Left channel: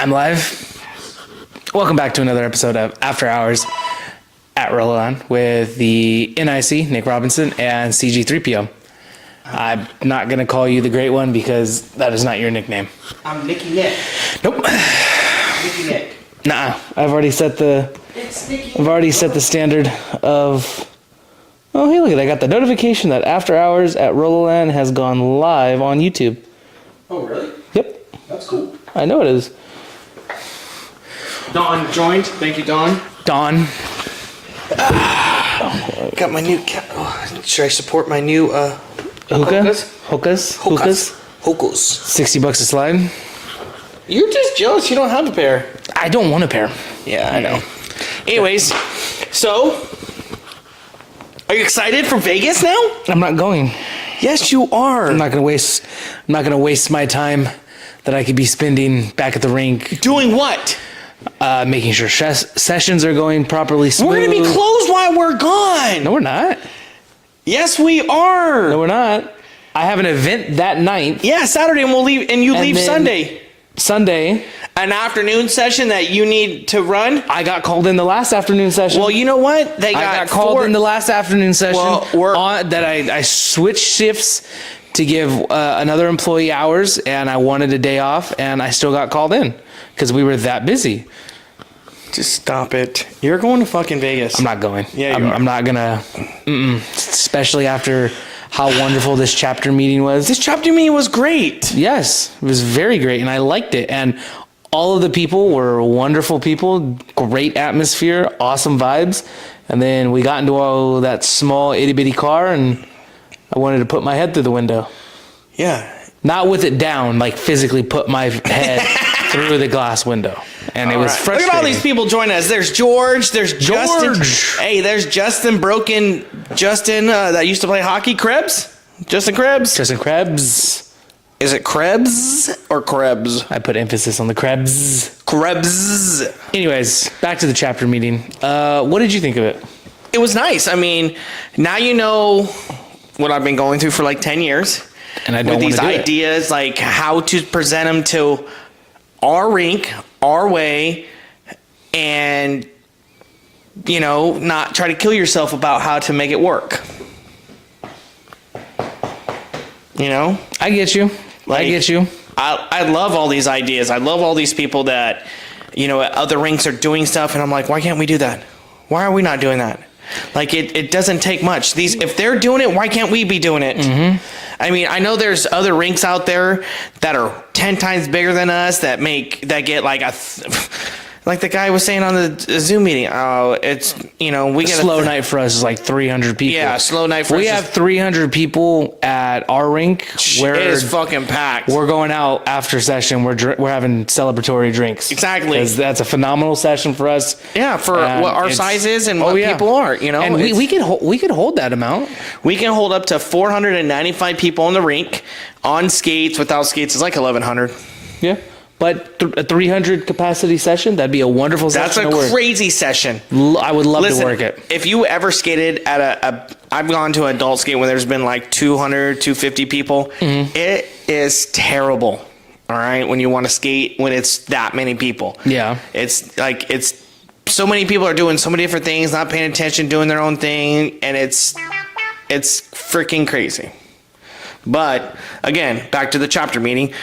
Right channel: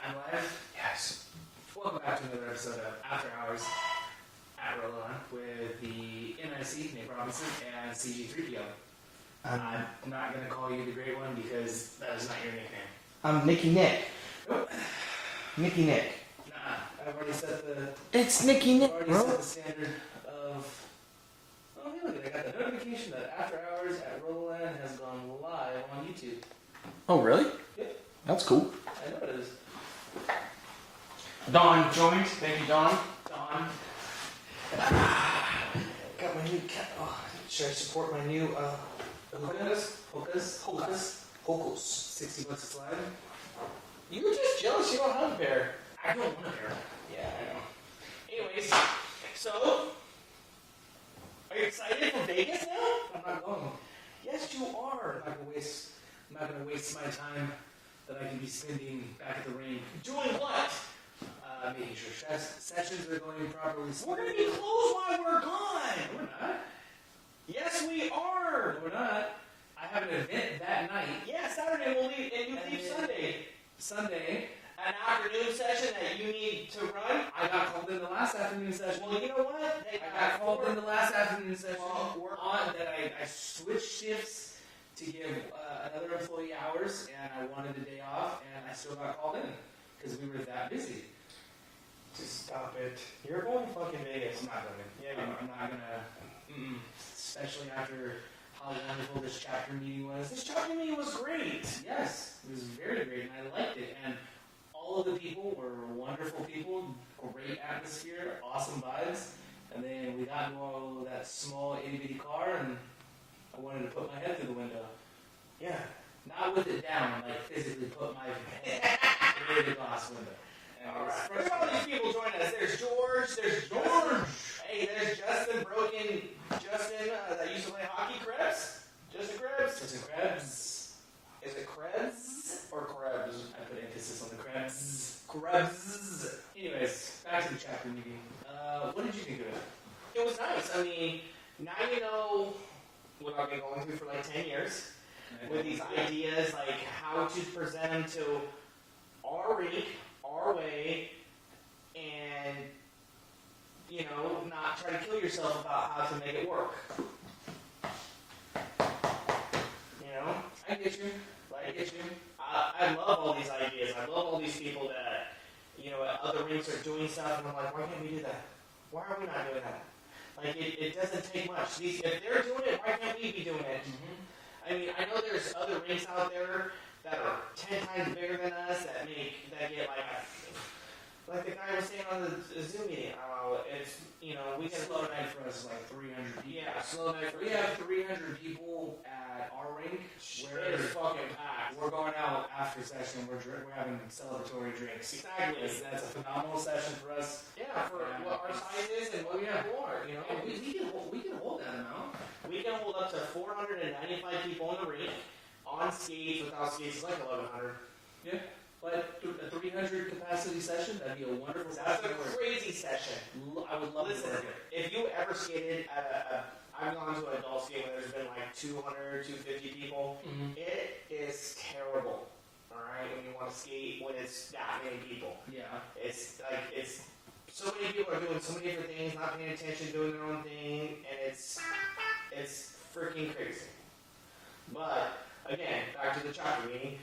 I'm live. Welcome back to another episode of After Hours at Rollerland with the NIC, Nick Robinson, and CG3PO. I'm not going to call you the Great One because that is not your nickname. I'm Nicky Nick. Nope. Nicky Nick. Nah, I've already set the... It's Nicky Nick. I've already set the standard of... Oh, hey, look at that. I got the notification that After Hours at Rollerland has gone live on YouTube. Oh, really? Yep. That's cool. I know it is. Dawn joined. Thank you, Dawn. Dawn. Got my new... should I support my new... Hokas? Hokas. 60 bucks a slide. You're just jealous you don't have a pair. I don't want a pair. Yeah, I know. Anyways, so... Are you excited for Vegas now? I'm not going. Yes, you are. I'm not gonna waste my time that I could be spending back at the rink. Doing what? Making sure sessions are going properly smooth. We're gonna be closed while we're gone. No, we're not. Yes, we are. No, we're not. I have an event that night. Yeah, Saturday, and we'll leave, and you And leave then- Sunday. Sunday. An afternoon session that you need to run. I got called in the last afternoon session. Well, you know what? I got called in the last afternoon session. Well, that I switched shifts to give another employee hours, and I wanted a day off, and I still got called in because we were that busy. Just stop it. You're going to fucking Vegas. I'm not going. Yeah, I'm not gonna. Especially after how wonderful this chapter meeting was. This chapter meeting was great. Yes, it was very great, and I liked it. And all of the people were wonderful people. Great atmosphere, awesome vibes. And then we got into that small itty bitty car, and I wanted to put my head through the window. Yeah. Not with it down, like physically put my head through the glass window. And it was frustrating. Look at all these people joining us. There's George. There's Justin. George. Hey, there's Justin Justin that used to play hockey. Krebs. Justin Krebs. Justin Krebs. Is it Krebs or Krebs? I put emphasis on the Krebs. Krebs. Anyways, back to the chapter meeting. What did you think of it? It was nice. I mean, now you know what I've been going through for like 10 years. And I don't with want these to do ideas, like how to present them to our rink, our way, and, you know, not try to kill yourself about how to make it work. You know? I get you. Like, I get you. I love all these ideas. I love all these people that, you know, at other rinks are doing stuff, and I'm like, why can't we do that? Why are we not doing that? Like, it doesn't take much. If they're doing it, why can't we be doing it? Mm-hmm. I mean, I know there's other rinks out there that are 10 times bigger than us that get like like the guy was saying on the Zoom meeting. Oh, it's, you know, we get slow night for us is like 300 people. Yeah, slow night for us. We have 300 people at our rink. Where it is fucking packed. We're going out after session. We're having celebratory drinks. Exactly. Because that's a phenomenal session for us. Yeah, for what our size is and what people are, you know. And we could hold that amount. We can hold up to 495 people in the rink on skates. Without skates, it's like 1,100. Yeah. But a 300 capacity session, that'd be a wonderful session. That's a crazy session. I would love to work it. If you ever skated at I've gone to an adult skate when there's been like 200, 250 people. Mm-hmm. It is terrible. All right. When you want to skate, when it's that many people. Yeah. It's so many people are doing so many different things, not paying attention, doing their own thing. And it's freaking crazy. But again, back to the chapter meeting.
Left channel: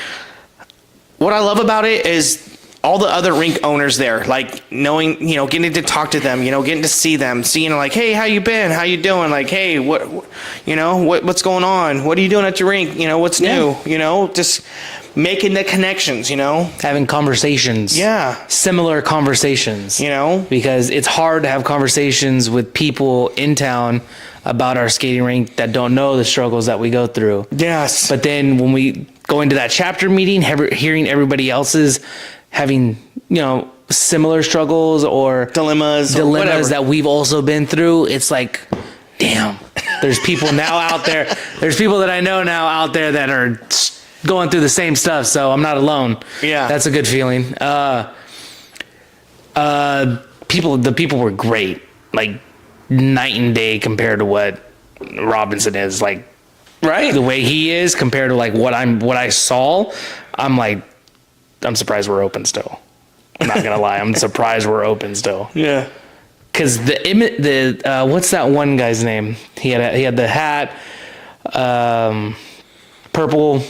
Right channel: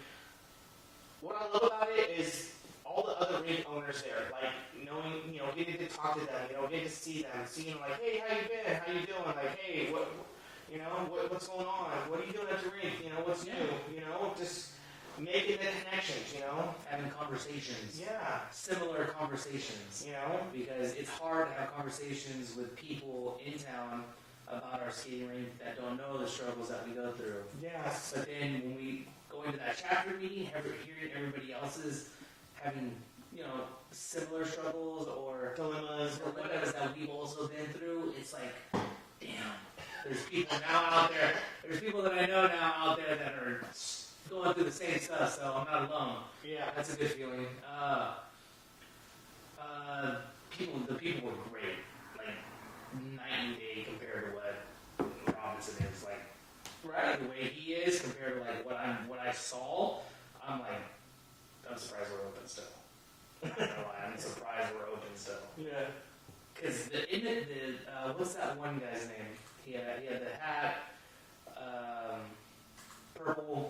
What I love about it is all the other rink owners there, like knowing, you know, getting to talk to them, you know, getting to see them, seeing like, hey, how you been? How you doing? Like, hey, what's going on? What are you doing at your rink? You know, what's new? You know, just making the connections, you know, having conversations. Yeah. Similar conversations, you know, because it's hard to have conversations with people in town about our skating rink that don't know the struggles that we go through. Yes. But then when we go into that chapter meeting, hearing everybody else's having, you know, similar struggles or dilemmas that we've also been through, it's like, damn, there's people now out there. There's people that I know now out there that are going through the same stuff. So I'm not alone. Yeah. That's a good feeling. The people were great. Like, night and day compared to what Robinson is, like, right? The way he is compared to like what I saw, I'm like, I'm surprised we're open still. I'm not gonna lie. I'm surprised we're open still. Yeah. Because what's that one guy's name? He had the hat, purple,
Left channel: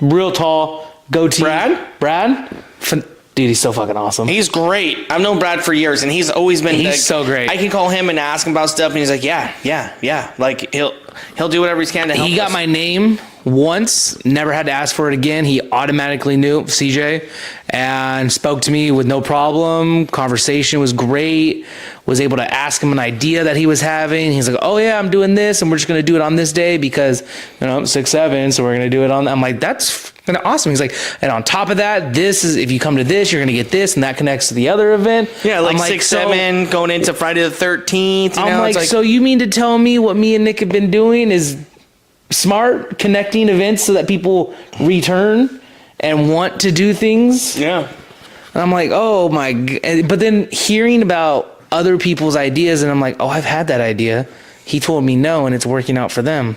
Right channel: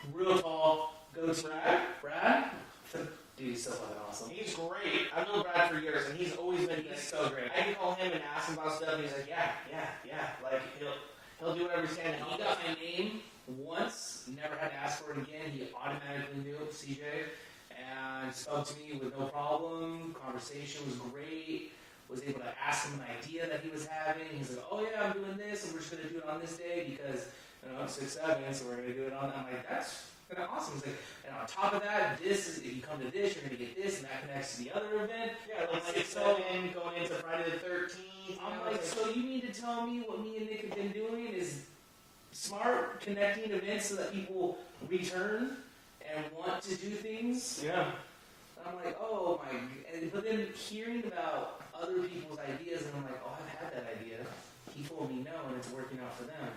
real tall, goatee. Brad. Dude, he's so fucking awesome. He's great. I've known Brad for years, and he's always been. He's so great. I can call him and ask him about stuff, and he's like, yeah. Like he'll do whatever he can to help. He got us. my name once, never had to ask for it again. He automatically knew CJ and spoke to me with no problem. Conversation was great. Was able to ask him an idea that he was having. He's like, oh yeah, I'm doing this and we're just going to do it on this day because, I'm 6'7", so we're going to do it on. I'm like, that's kind of awesome. He's like, and on top of that, this is, if you come to this, you're going to get this and that connects to the other event. Yeah, like 6'7", going into Friday the 13th. I'm like, so you mean to tell me what me and Nick have been doing is smart, connecting events so that people return and want to do things? Yeah. And I'm like, oh my God. But then hearing about other people's ideas, and I'm like, oh, I've had that idea. He told me no, and it's working out for them.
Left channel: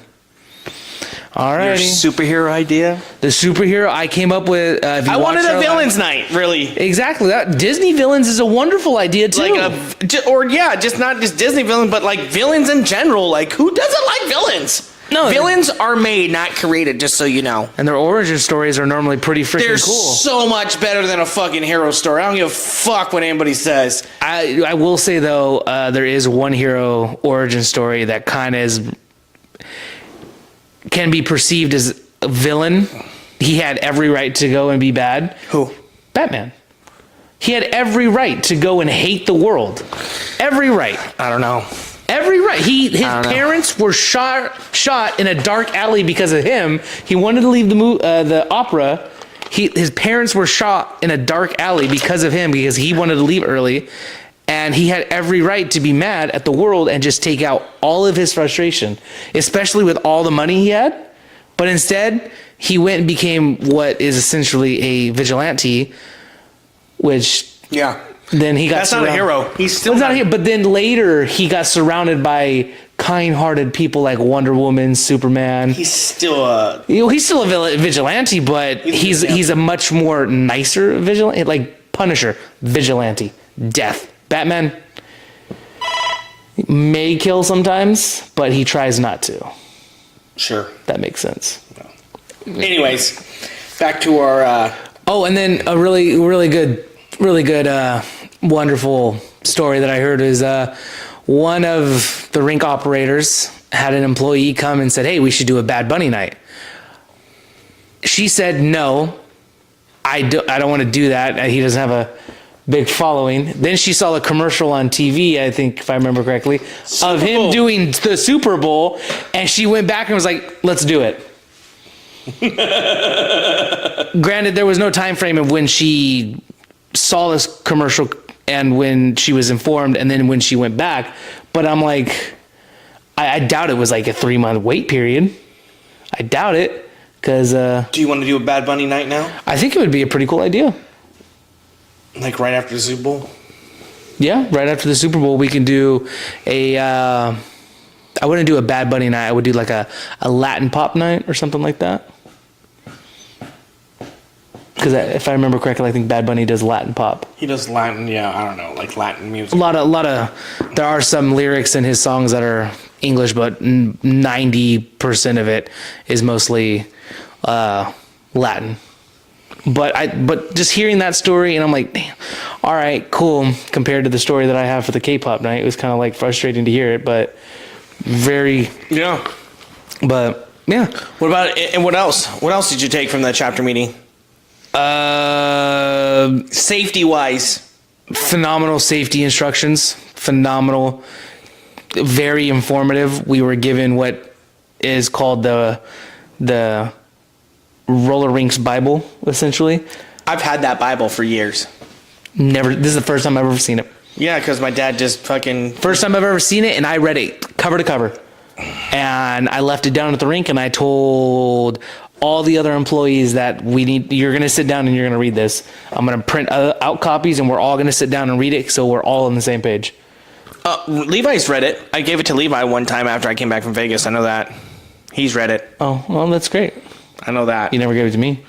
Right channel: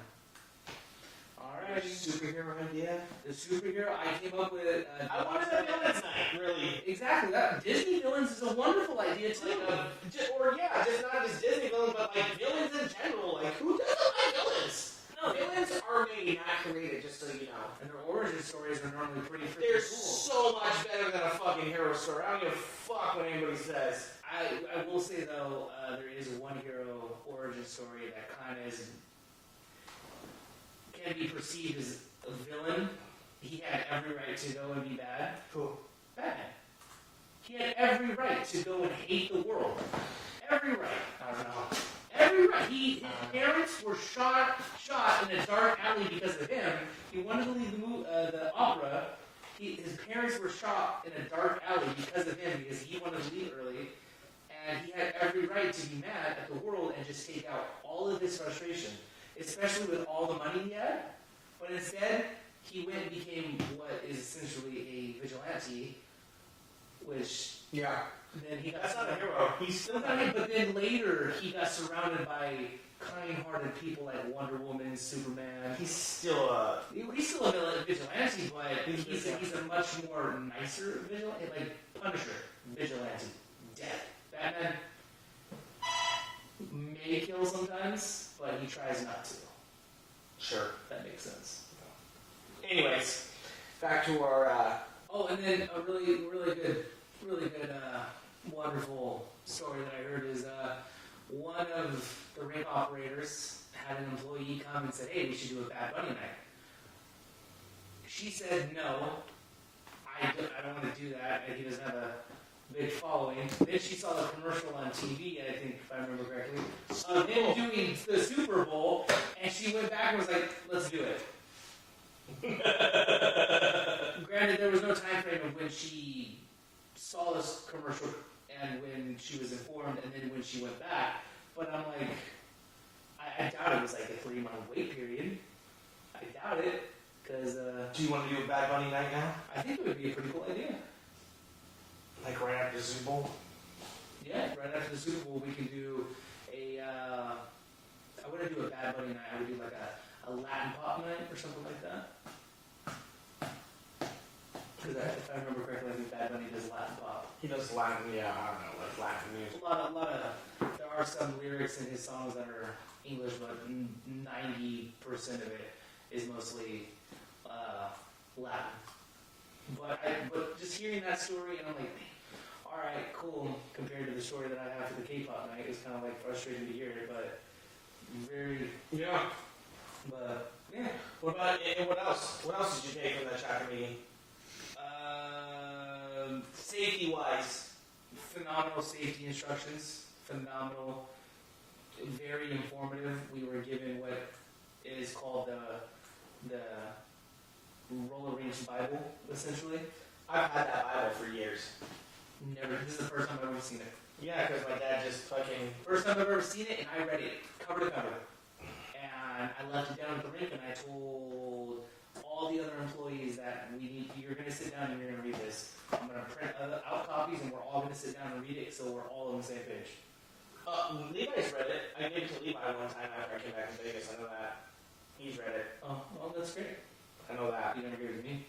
All right. Your superhero idea? The superhero I came up with. I wanted a villains night, really. Exactly. That Disney villains is a wonderful idea too. Just not just Disney villains, but like villains in general. Like, who doesn't like villains? No, villains are made, not created, just so you know. And their origin stories are normally pretty freaking They're cool. so much better than a fucking hero story. I don't give a fuck what anybody says. I will say, though, there is one hero origin story that kind of can be perceived as a villain. He had every right to go and be bad. Who? Batman. He had every right to go and hate the world. Every right. I don't know. Every right. His parents were shot in a dark alley because of him. He wanted to leave the opera. His parents were shot in a dark alley because of him, because he wanted to leave early. And he had every right to be mad at the world and just take out all of his frustration, especially with all the money he had. But instead, he went and became what is essentially a vigilante, which... Yeah. Then he got That's not a hero. He's still not a hero. But then later he got surrounded by kind-hearted people like Wonder Woman, Superman. He's still a vigilante, but he's a much more nicer vigilante, like Punisher, vigilante, death. Batman may kill sometimes, but he tries not to. Sure. That makes sense. Anyways, back to our and then a really good wonderful story that I heard is one of the rink operators had an employee come and said, hey, we should do a Bad Bunny night. She said, no, I don't want to do that. He doesn't have a big following. Then she saw the commercial on TV, I think, if I remember correctly, of him doing the Super Bowl, and she went back and was like, let's do it. Granted, there was no time frame of when she saw this commercial and when she was informed and then when she went back, but I'm like, I doubt it was like a 3-month wait period. I doubt it, because do you want to do a Bad Bunny night now? I think it would be a pretty cool idea. Like right after the Super Bowl? Yeah, right after the Super Bowl we can do I wouldn't do a Bad Bunny night. I would do like a Latin pop night or something like that. Because if I remember correctly, I think Bad Bunny does Latin pop. He does Latin, yeah, I don't know, like Latin music. A lot of, there are some lyrics in his songs that are English, but 90% of it is mostly Latin. But just hearing that story, and I'm like, damn, all right, cool. Compared to the story that I have for the K-pop night, it was kind of like frustrating to hear it, but very. Yeah. But yeah. What about, and what else? What else did you take from that chapter meeting? Safety wise, phenomenal safety instructions. Phenomenal, very informative. We were given what is called the roller rinks Bible, essentially. I've had that Bible for years. Never. This is the first time I've ever seen it. Yeah, because my dad just fucking. First time I've ever seen it, and I read it cover to cover, and I left it down at the rink, and I told all the other employees that you're going to sit down and you're going to read this. I'm going to print out copies and we're all going to sit down and read it so we're all on the same page. Levi's read it. I gave it to Levi one time after I came back from Vegas. I know that. He's read it. Oh, well, that's great. I know that. You never gave it to me.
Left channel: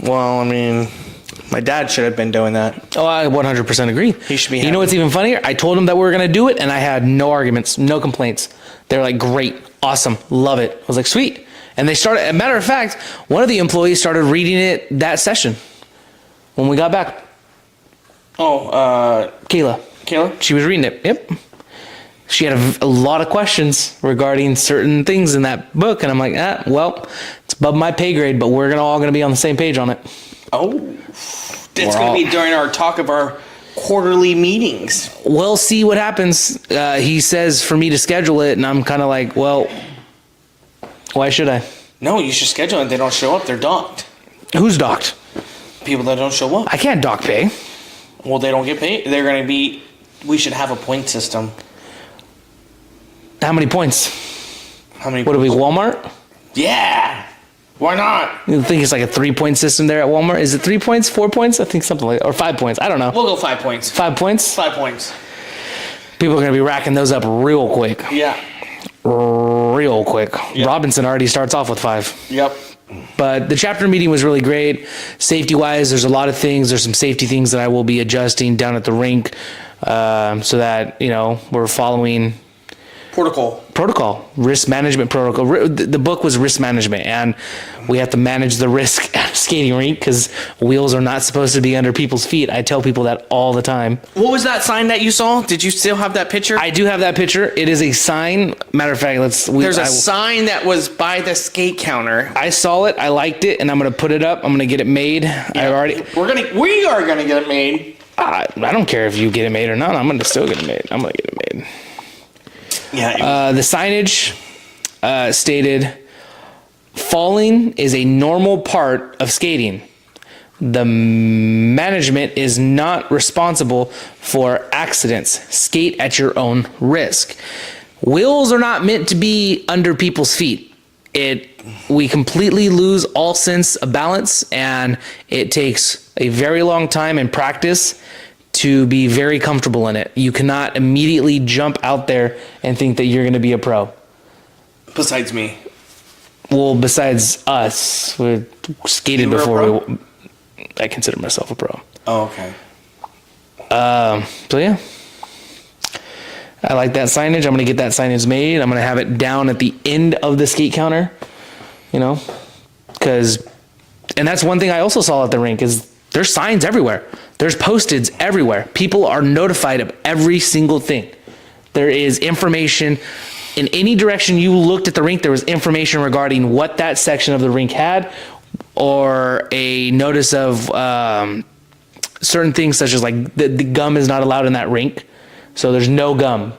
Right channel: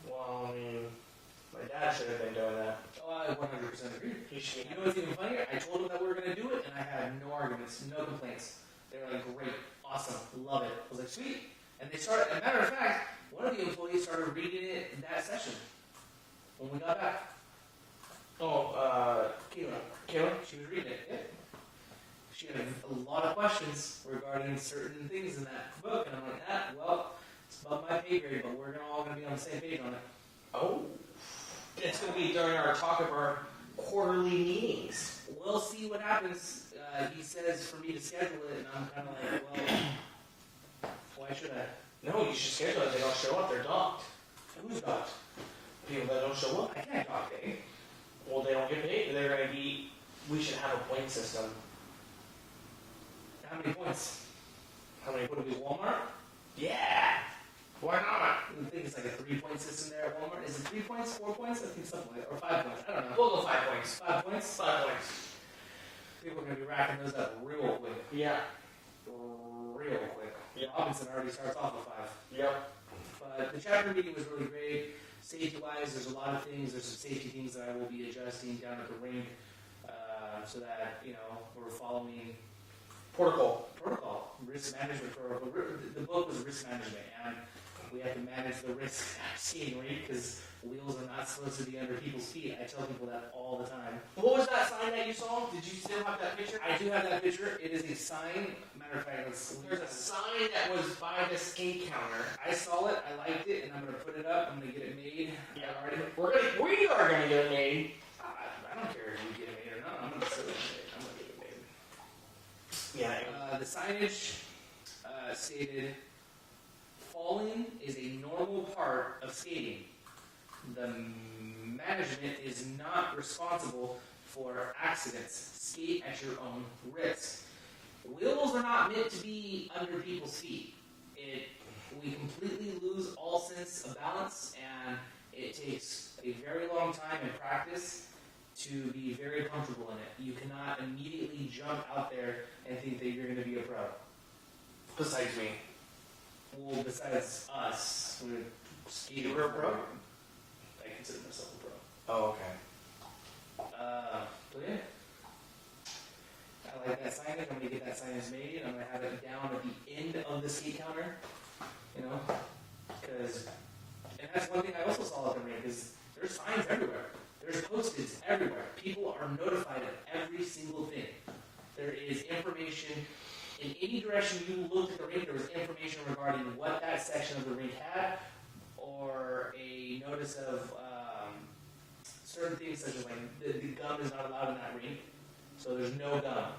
Well, I mean, My dad should have been doing that. Oh, I 100% agree. He should be You know happy. what's even funnier? I told them that we were going to do it, and I had no arguments, no complaints. They were like, great, awesome, love it. I was like, sweet. And they started, as a matter of fact, one of the employees started reading it that session when we got back. Oh, Kayla. She was reading it. Yep. She had a lot of questions regarding certain things in that book, and I'm like, well, it's above my pay grade, but we're all going to be on the same page on it. Oh, it's going to be during our talk of our quarterly meetings. We'll see what happens. He says for me to schedule it, and I'm kind of like, well, why should I? No, you should schedule it. They don't show up. They're docked. Who's docked? People that don't show up. I can't dock pay. Well, they don't get paid. They're going to be. We should have a point system. How many points? How many? What are we, Walmart? Yeah. Why not? You think it's like a 3-point system there at Walmart? Is it 3 points, 4 points? I think something like, or 5 points. I don't know. We'll go 5 points. 5 points? 5 points. People are going to be racking those up real quick. Yeah. Real quick. Yep. Robinson already starts off with 5. Yep. But the chapter meeting was really great. Safety-wise, there's a lot of things. There's some safety things that I will be adjusting down at the rink so that, we're following protocol, risk management protocol. The book was risk management, and we have to manage the risk at a skating rink because wheels are not supposed to be under people's feet. I tell people that all the time. What was that sign that you saw? Did you still have that picture? I do have that picture. It is a sign. Matter of fact, There's a sign that was by the skate counter. I saw it. I liked it, and I'm gonna put it up. I'm gonna get it made. Yeah. We are gonna get it made. I don't care if you get it made or not. I'm gonna still get it made. I'm gonna get it made. Yeah. The signage stated, falling is a normal part of skating. The management is not responsible for accidents. Skate at your own risk. Wheels are not meant to be under people's feet. We completely lose all sense of balance, and it takes a very long time and practice to be very comfortable in it. You cannot immediately jump out there and think that you're going to be a pro. Besides me. Well, besides us, we skated before. I consider myself a pro. Oh, okay. So yeah, I like that signage. I'm going to get that signage made. I'm going to have it down at the end of the skate counter, because, and that's one thing I also saw at the rink is there's signs everywhere. There's posteds everywhere. People are notified of every single thing. There is information in any direction you looked at the rink. There was information regarding what that section of the rink had, or a notice of certain things such as like the gum is not allowed in that rink. So there's no gum.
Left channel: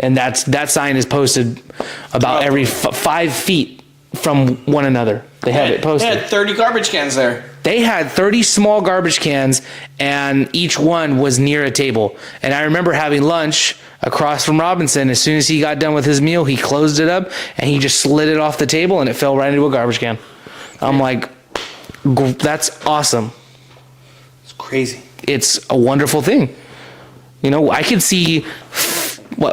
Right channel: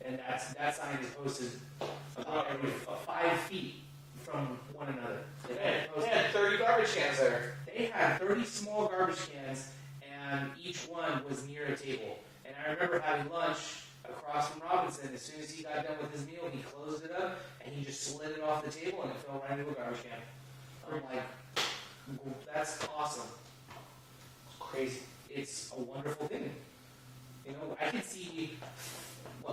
And that sign is posted about every 5 feet from one another. They have it posted. They had 30 garbage cans there. They had 30 small garbage cans, and each one was near a table. And I remember having lunch across from Robinson. As soon as he got done with his meal, he closed it up, and he just slid it off the table, and it fell right into a garbage can. I'm like, that's awesome. It's crazy. It's a wonderful thing. I could see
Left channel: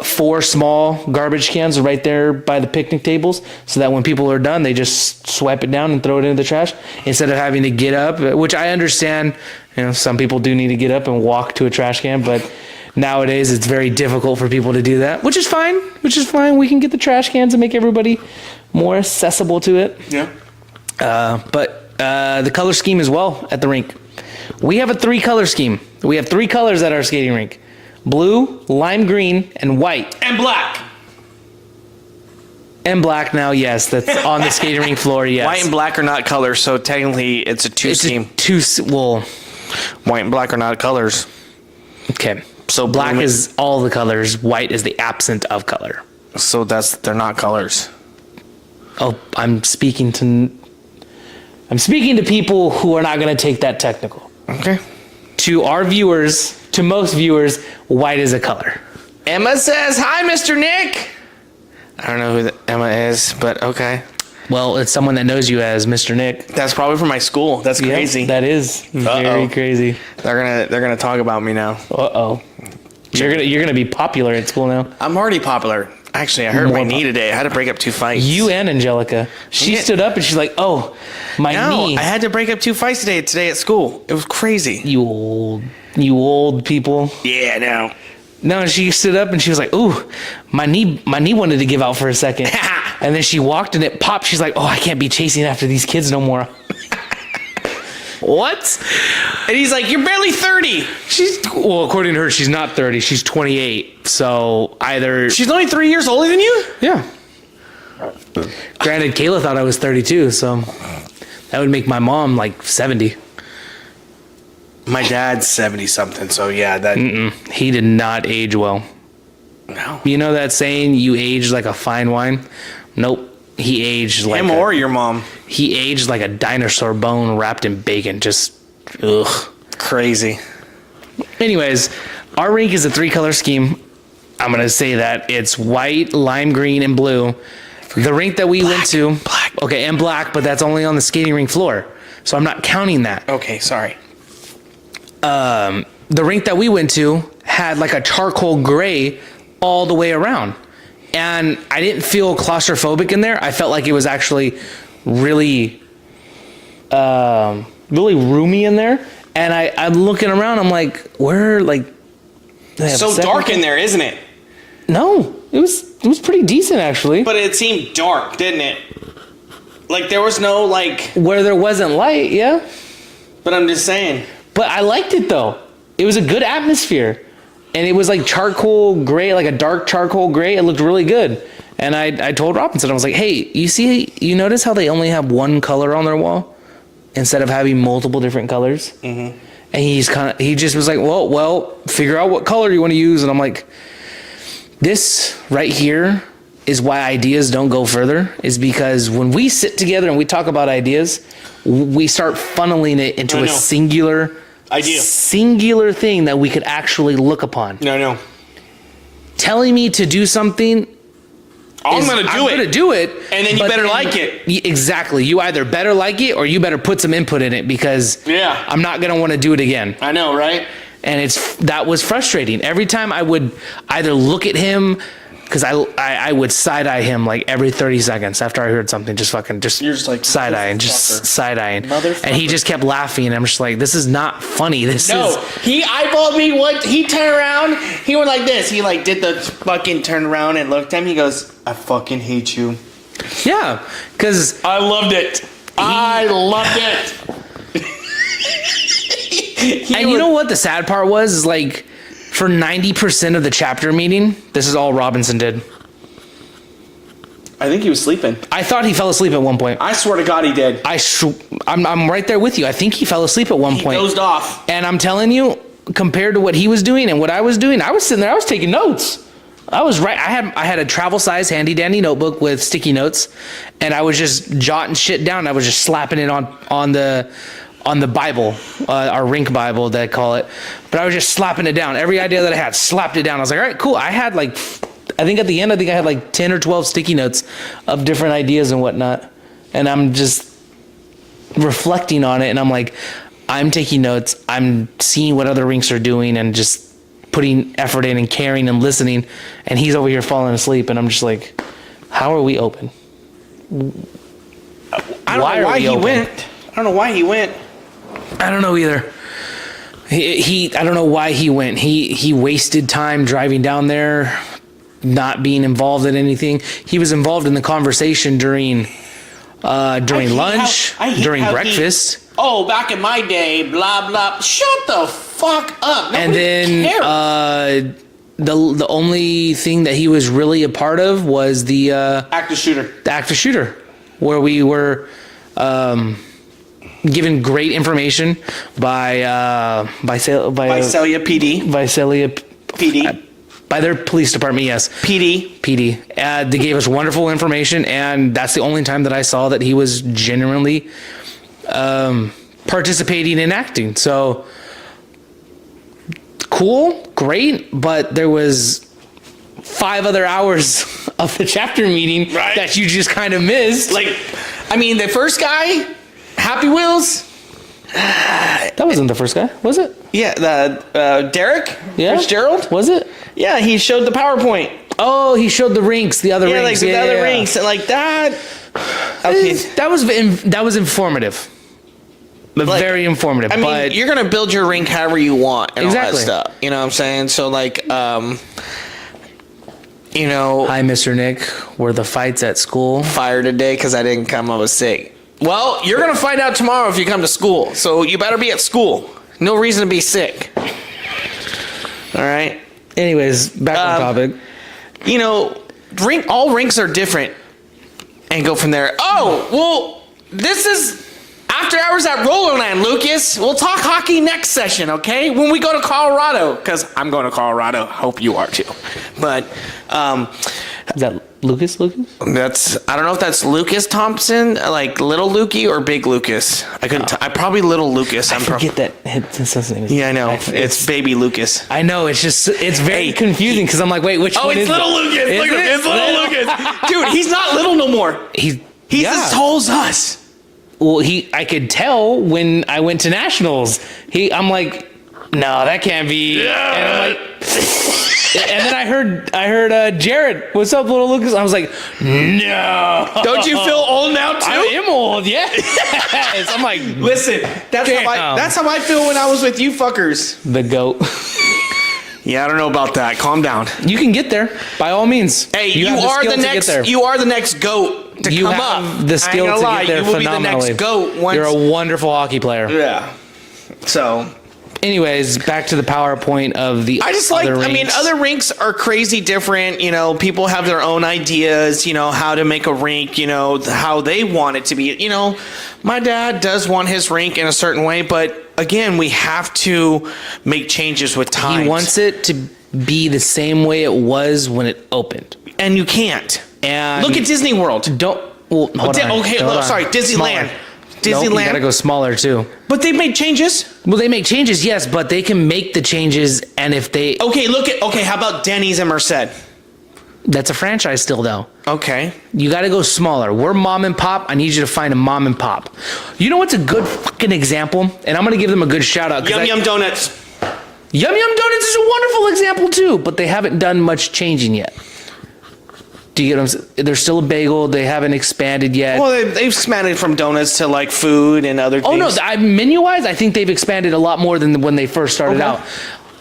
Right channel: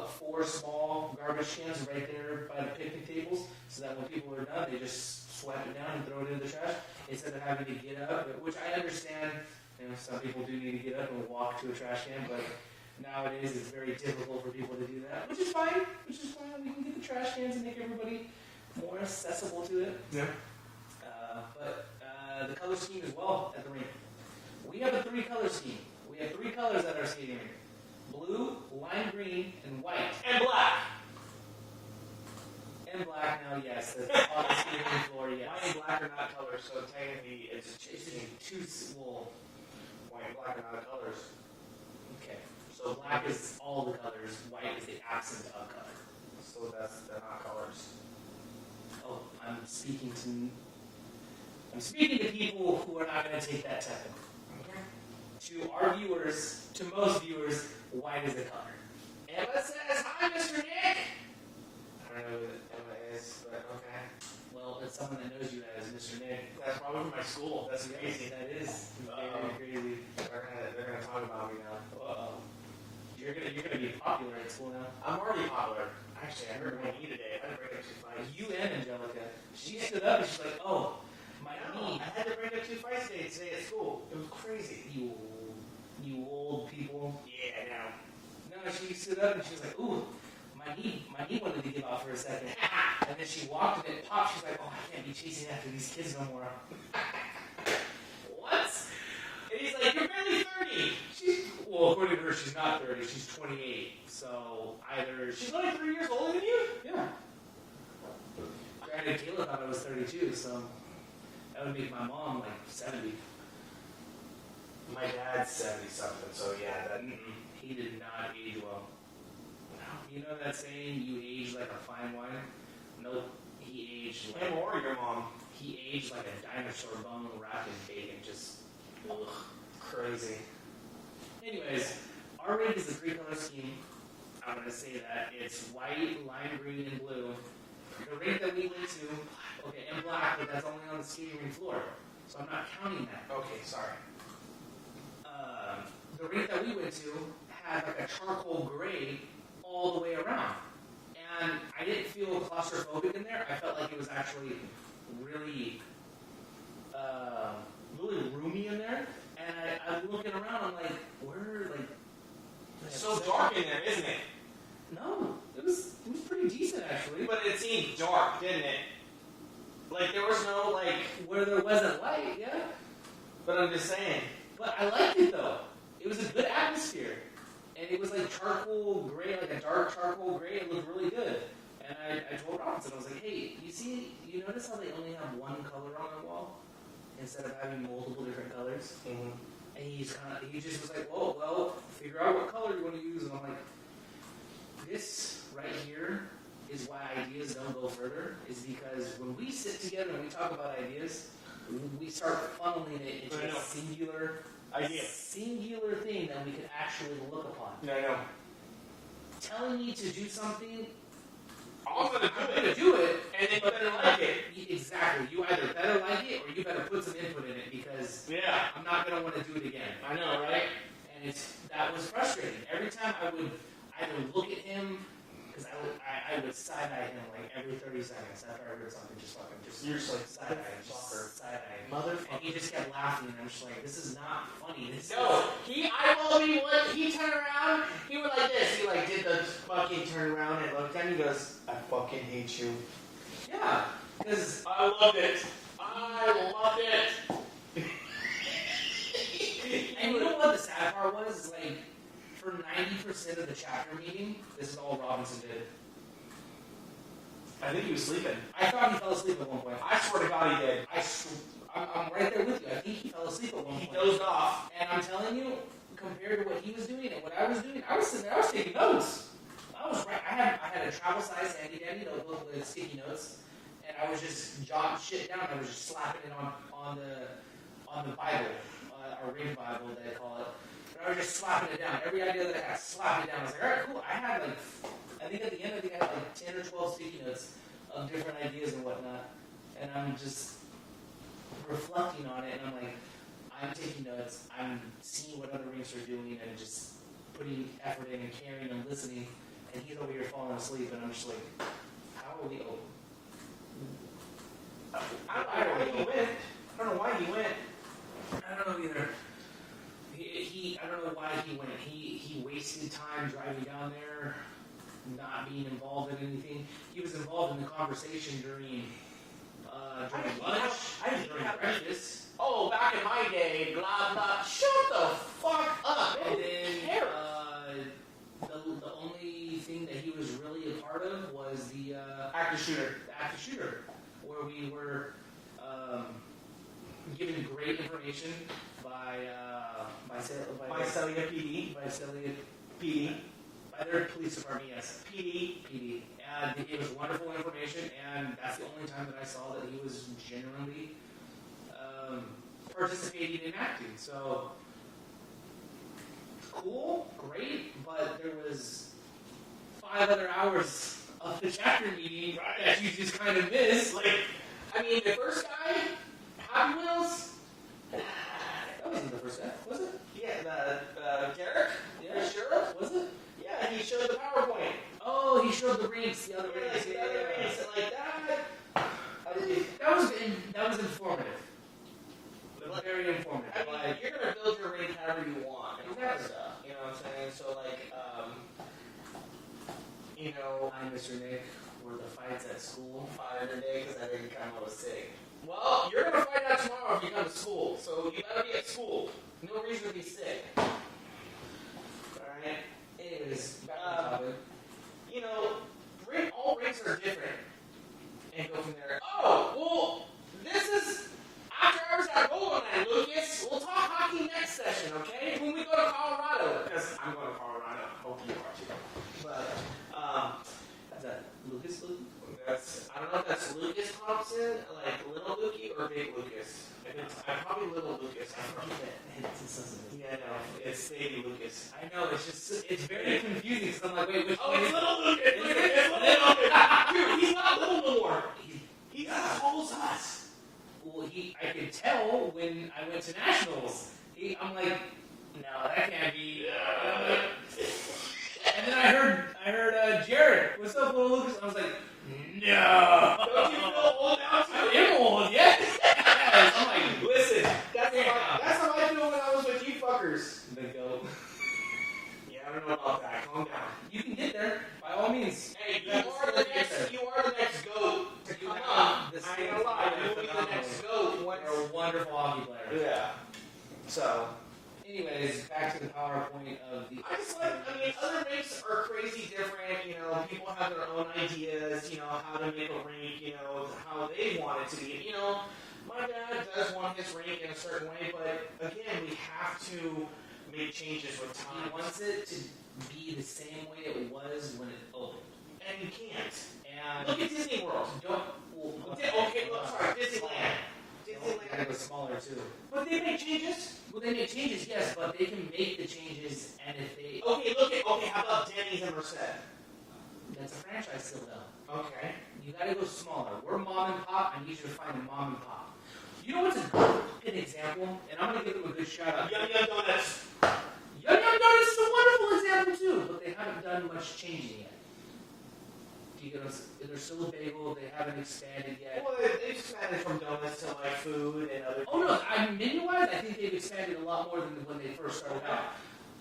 4 small garbage cans right there by the picnic tables, so that when people are done, they just swipe it down and throw it into the trash instead of having to get up, which I understand. Some people do need to get up and walk to a trash can, but nowadays it's very difficult for people to do that, which is fine. We can get the trash cans and make everybody more accessible to it. Yeah. But the color scheme as well at the rink. We have a 3-color scheme. We have 3 colors at our skating rink. Blue, lime green, and white. And black. And black now, yes. That's on the skating rink floor, yes. White and black are not colors, so technically it's a 2 scheme. White and black are not colors. Okay. So black is all the colors. White is the absent of color. So they're not colors. Oh, I'm speaking to people who are not going to take that technical. Okay. To our viewers, to most viewers, white is a color. Emma says, "Hi, Mr. Nick." I don't know who Emma is, but okay. Well, it's someone that knows you as Mr. Nick. That's probably from my school. That's crazy. Yep, that is very crazy. They're gonna talk about me now. Uh-oh. You're gonna be popular at school now. I'm already popular. Actually, I hurt my knee today. I had to break up 2 fights. You and Angelica. She stood up and she's like, "Oh, my knee." I had to break up 2 fights today at school. It was crazy. You old people. Yeah, I know. No, she stood up and she was like, "Ooh, my knee wanted to give out for a second." And then she walked and it popped. She's like, "Oh, I can't be chasing after these kids no more." What? And he's like, "You're barely 30." Well, according to her, she's not 30. She's 28. So either She's only 3 years older than you? yeah. Granted, Kayla thought I was 32, so that would make my mom like 70. My dad's 70 something, so yeah, that. He did not age well. No. You know that saying, you age like a fine wine? Nope. He aged like Him or your mom. He aged like a dinosaur bone wrapped in bacon. Just, ugh. Crazy. Anyways, our rink is a 3-color scheme. I'm going to say that. It's white, lime green, and blue. The rink that we went to... Black. Okay, and black, but that's only on the skating rink floor. So I'm not counting that. Okay, sorry. The rink that we went to had like a charcoal gray all the way around. And I didn't feel claustrophobic in there. I felt like it was actually really, really roomy in there. And I'm looking around. I'm like, where, like, So dark in there, isn't it? No, it was pretty decent actually. But it seemed dark, didn't it? Like there was no like. Where there wasn't light, yeah. But I'm just saying. But I liked it though. It was a good atmosphere. And it was like charcoal gray, like a dark charcoal gray. It looked really good. And I told Robinson, I was like, "Hey, you notice how they only have one color on their wall instead of having multiple different colors?" Mm-hmm. And he just was like, well, figure out what color you want to use. And I'm like, this right here is why ideas don't go further, is because when we sit together and we talk about ideas, we start funneling it into a singular idea, singular thing that we could actually look upon. No. Telling me to do something, I'm going to do it. And then you better like it. Exactly. You either better like it or you better put some input in it, because I'm not going to want to do it again. I know, right? And that was frustrating. Every time I would either look at him, because I would side-eye him like every 30 seconds after I heard something, You're just like, side-eye and just side-eyeing. Motherfucker. And he just kept laughing, and I'm just like, this is not funny. He eyeballed me. He turned around. He went like this. He like did the fucking turn around and looked at me. He goes, "I fucking hate you." Yeah, because I loved it. I loved it. And you know what the sad part was? Is like, for 90% of the chapter meeting, this is all Robinson did. I think he was sleeping. I thought he fell asleep at one point. I swear to God he did. I'm right there with you. I think he fell asleep at one point. He dozed off. And I'm telling you, compared to what he was doing and what I was doing, I was sitting there, I was taking notes. I was right. I had a travel size handy dandy notebook with sticky notes, and I was just jotting shit down. I was just slapping it on the Bible, our rink Bible, they call it. But I was just slapping it down. Every idea that I had, slapped it down. I was like, all right, cool. I had like, I think at the end, I had like 10 or 12 sticky notes of different ideas and whatnot. And I'm just reflecting on it. And I'm like, I'm taking notes. I'm seeing what other rinks are doing and just putting effort in and caring and listening. And he's over here falling asleep. And I'm just like, how are we open? I don't know why he went. I don't know why he went. I don't know either. I don't know why he went. He wasted time driving down there, not being involved in anything. He was involved in the conversation during lunch, during breakfast. Back in my day, blah blah. Shut the fuck up. Nobody and then the only thing that he was really a part of was the active shooter. The active shooter, where we were given great information by Visalia PD. By their police department, yes. PD. They gave us wonderful information, and that's the only time that I saw that he was genuinely participating in acting. So, cool, great, but there was 5 other hours of the chapter meeting that you just kind of missed. Like, I mean, the first guy, Happy Wheels. That wasn't the first guy, was it? Yeah, the Derek? Yeah. Fitzgerald? Was it? Yeah, he showed the PowerPoint. Oh, he showed the rinks, the other Yeah, rinks. like the other rinks, and like that. Okay, That was informative. But like, very informative. I mean, but you're gonna build your rink however you want and all that Exactly. stuff. You know what I'm saying? So like, you know, hi, Mr. Nick. Were the fights at school? fired today because I didn't come. I was sick. Well, you're gonna find out tomorrow if you come to school. So you better be at school. No reason to be sick. All right. Anyways, back on topic. You know, all rinks are different, and go from there. Oh, well, this is After Hours at Rollerland, Lucas. We'll talk hockey next session, okay? When we go to Colorado, because I'm going to Colorado. Hope you are too. But Is that Lucas? I don't know if that's Lucas Thompson, like little Lukey, or big Lucas. I couldn't. I probably little Lucas. I forget that his name is. Yeah, I know. It's baby Lucas. I know. It's very confusing because I'm like, wait, which Oh, one it's is little it? Lucas. Is Look at him. it? It's little Lucas. Dude, he's not little no more. He's as tall as us. Well, I could tell when I went to nationals. I'm like, no, that can't be. Yeah. And I'm like, and then I heard Jared, what's up, little Lucas? I was like, no. Don't you feel old now too? I am old, yeah. I'm like, Listen, that's how I feel when I was with you fuckers. the GOAT. Yeah, I don't know about that. Calm down. You can get there by all means. Hey, you have are skill the to get next. there. You are the next goat to You come have up. the I skill ain't to gonna lie, get there you will be the phenomenally. next goat. Once. You're a wonderful hockey player. Yeah. So Anyways, back to the PowerPoint of the. I just like. other I mean, rinks. other rinks are crazy different. You know, people have their own ideas. You know, how to make a rink. You know, how they want it to be. You know, my dad does want his rink in a certain way, but again, we have to make changes with time. He wants it to be the same way it was when it opened. and you can't. And Look at Disney World. Don't. Well, hold on. Okay, Hold on. sorry, Disneyland. Smaller. Disneyland. Nope, you gotta go smaller too. But they made changes. Well, they make changes, yes, but they can make the changes, and if they, Okay, how about Denny's and Merced? that's a franchise still though. Okay. You got to go smaller. We're mom and pop. I need you to find a mom and pop. You know what's a good fucking example? And I'm gonna give them a good shout out. Yum Yum Donuts. Yum Yum Donuts is a wonderful example too, but they haven't done much changing yet. Do you get them? They're still a bagel. They haven't expanded yet. Well, they've expanded from donuts to like food and other things. Oh no, menu-wise, I think they've expanded a lot more than when they first started out.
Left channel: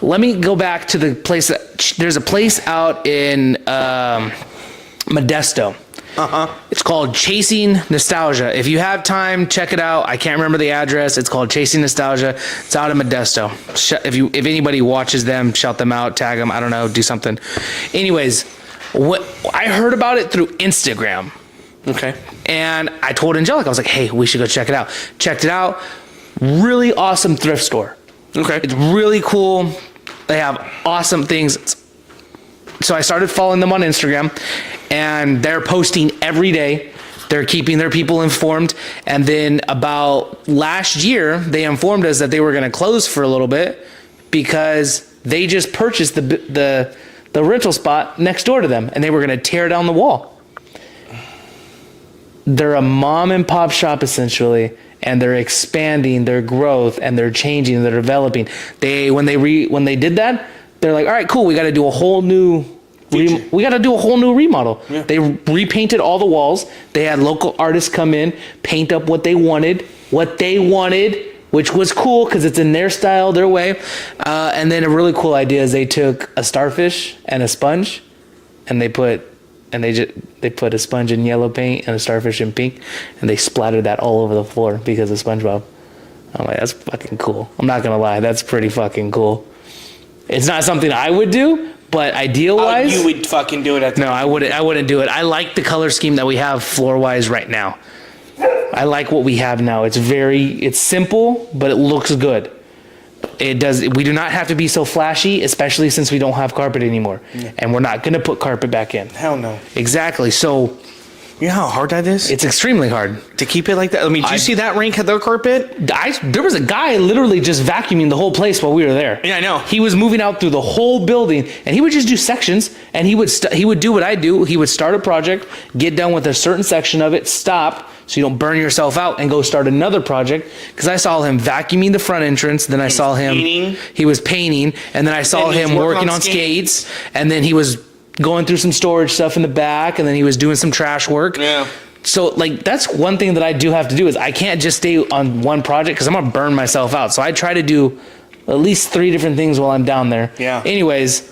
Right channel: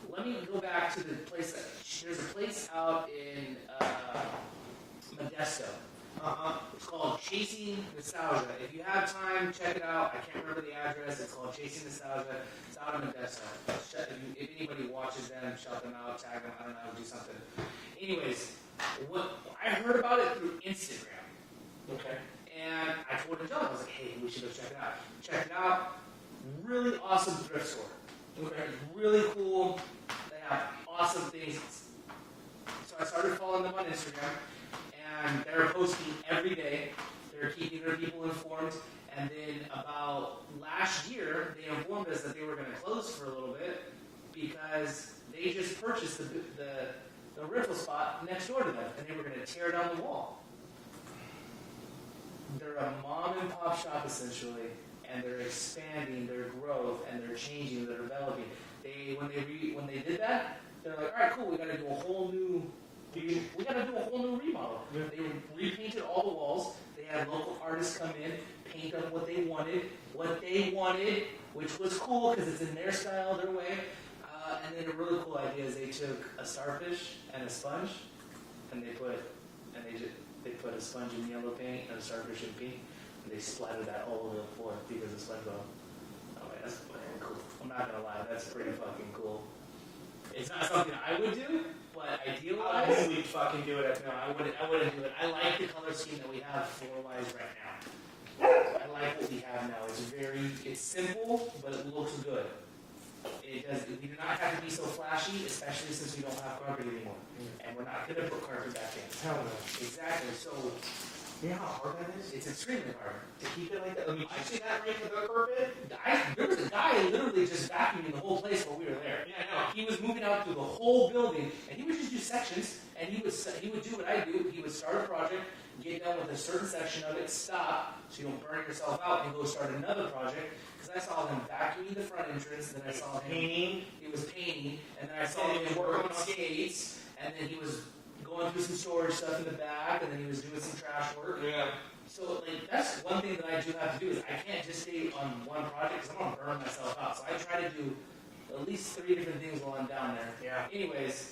Let me go back to the place there's a place out in Modesto. It's called Chasing Nostalgia. If you have time, check it out. I can't remember the address. It's called Chasing Nostalgia. It's out in Modesto. If anybody watches them, shout them out, tag them. I don't know, do something. Anyways, what I heard about it through Instagram. Okay. And I told Angelica, I was like, hey, we should go check it out. Checked it out. Really awesome thrift store. Okay. It's really cool. They have awesome things. So I started following them on Instagram, and they're posting every day. They're keeping their people informed. And then about last year, they informed us that they were going to close for a little bit because they just purchased the rental spot next door to them, and they were going to tear down the wall. They're a mom and pop shop essentially, and they're expanding their growth, and they're changing, they're developing. When they did that, they're like, all right, cool, we got to do a whole new remodel. Yeah. They repainted all the walls. They had local artists come in, paint up what they wanted, which was cool because it's in their style, their way. And then a really cool idea is they took a starfish and a sponge, and they put a sponge in yellow paint and a starfish in pink, and they splattered that all over the floor because of SpongeBob. I'm like, that's fucking cool. I'm not gonna lie, that's pretty fucking cool. It's not something I would do, but ideal-wise, You would fucking do it at the no, I wouldn't do it. I like the color scheme that we have floor-wise right now. I like what we have now. It's simple, but it looks good. We do not have to be so flashy, especially since we don't have carpet anymore. Yeah. And we're not going to put carpet back in. Hell no. Exactly. So You know how hard that is? it's extremely hard. To keep it like that? I mean, did you see that rink had their carpet? There was a guy literally just vacuuming the whole place while we were there. Yeah, I know. He was moving out through the whole building, and he would just do sections, and he would do what I do. He would start a project, get done with a certain section of it, stop, so you don't burn yourself out, and go start another project. Because I saw him vacuuming the front entrance, then I saw him painting. he was painting, and then I saw And he was him working working on on skates, and then he was going through some storage stuff in the back, and then he was doing some trash work. Yeah. So like that's one thing that I do have to do is I can't just stay on one project because I'm gonna burn myself out. So I try to do at least 3 different things while I'm down there. Yeah. Anyways,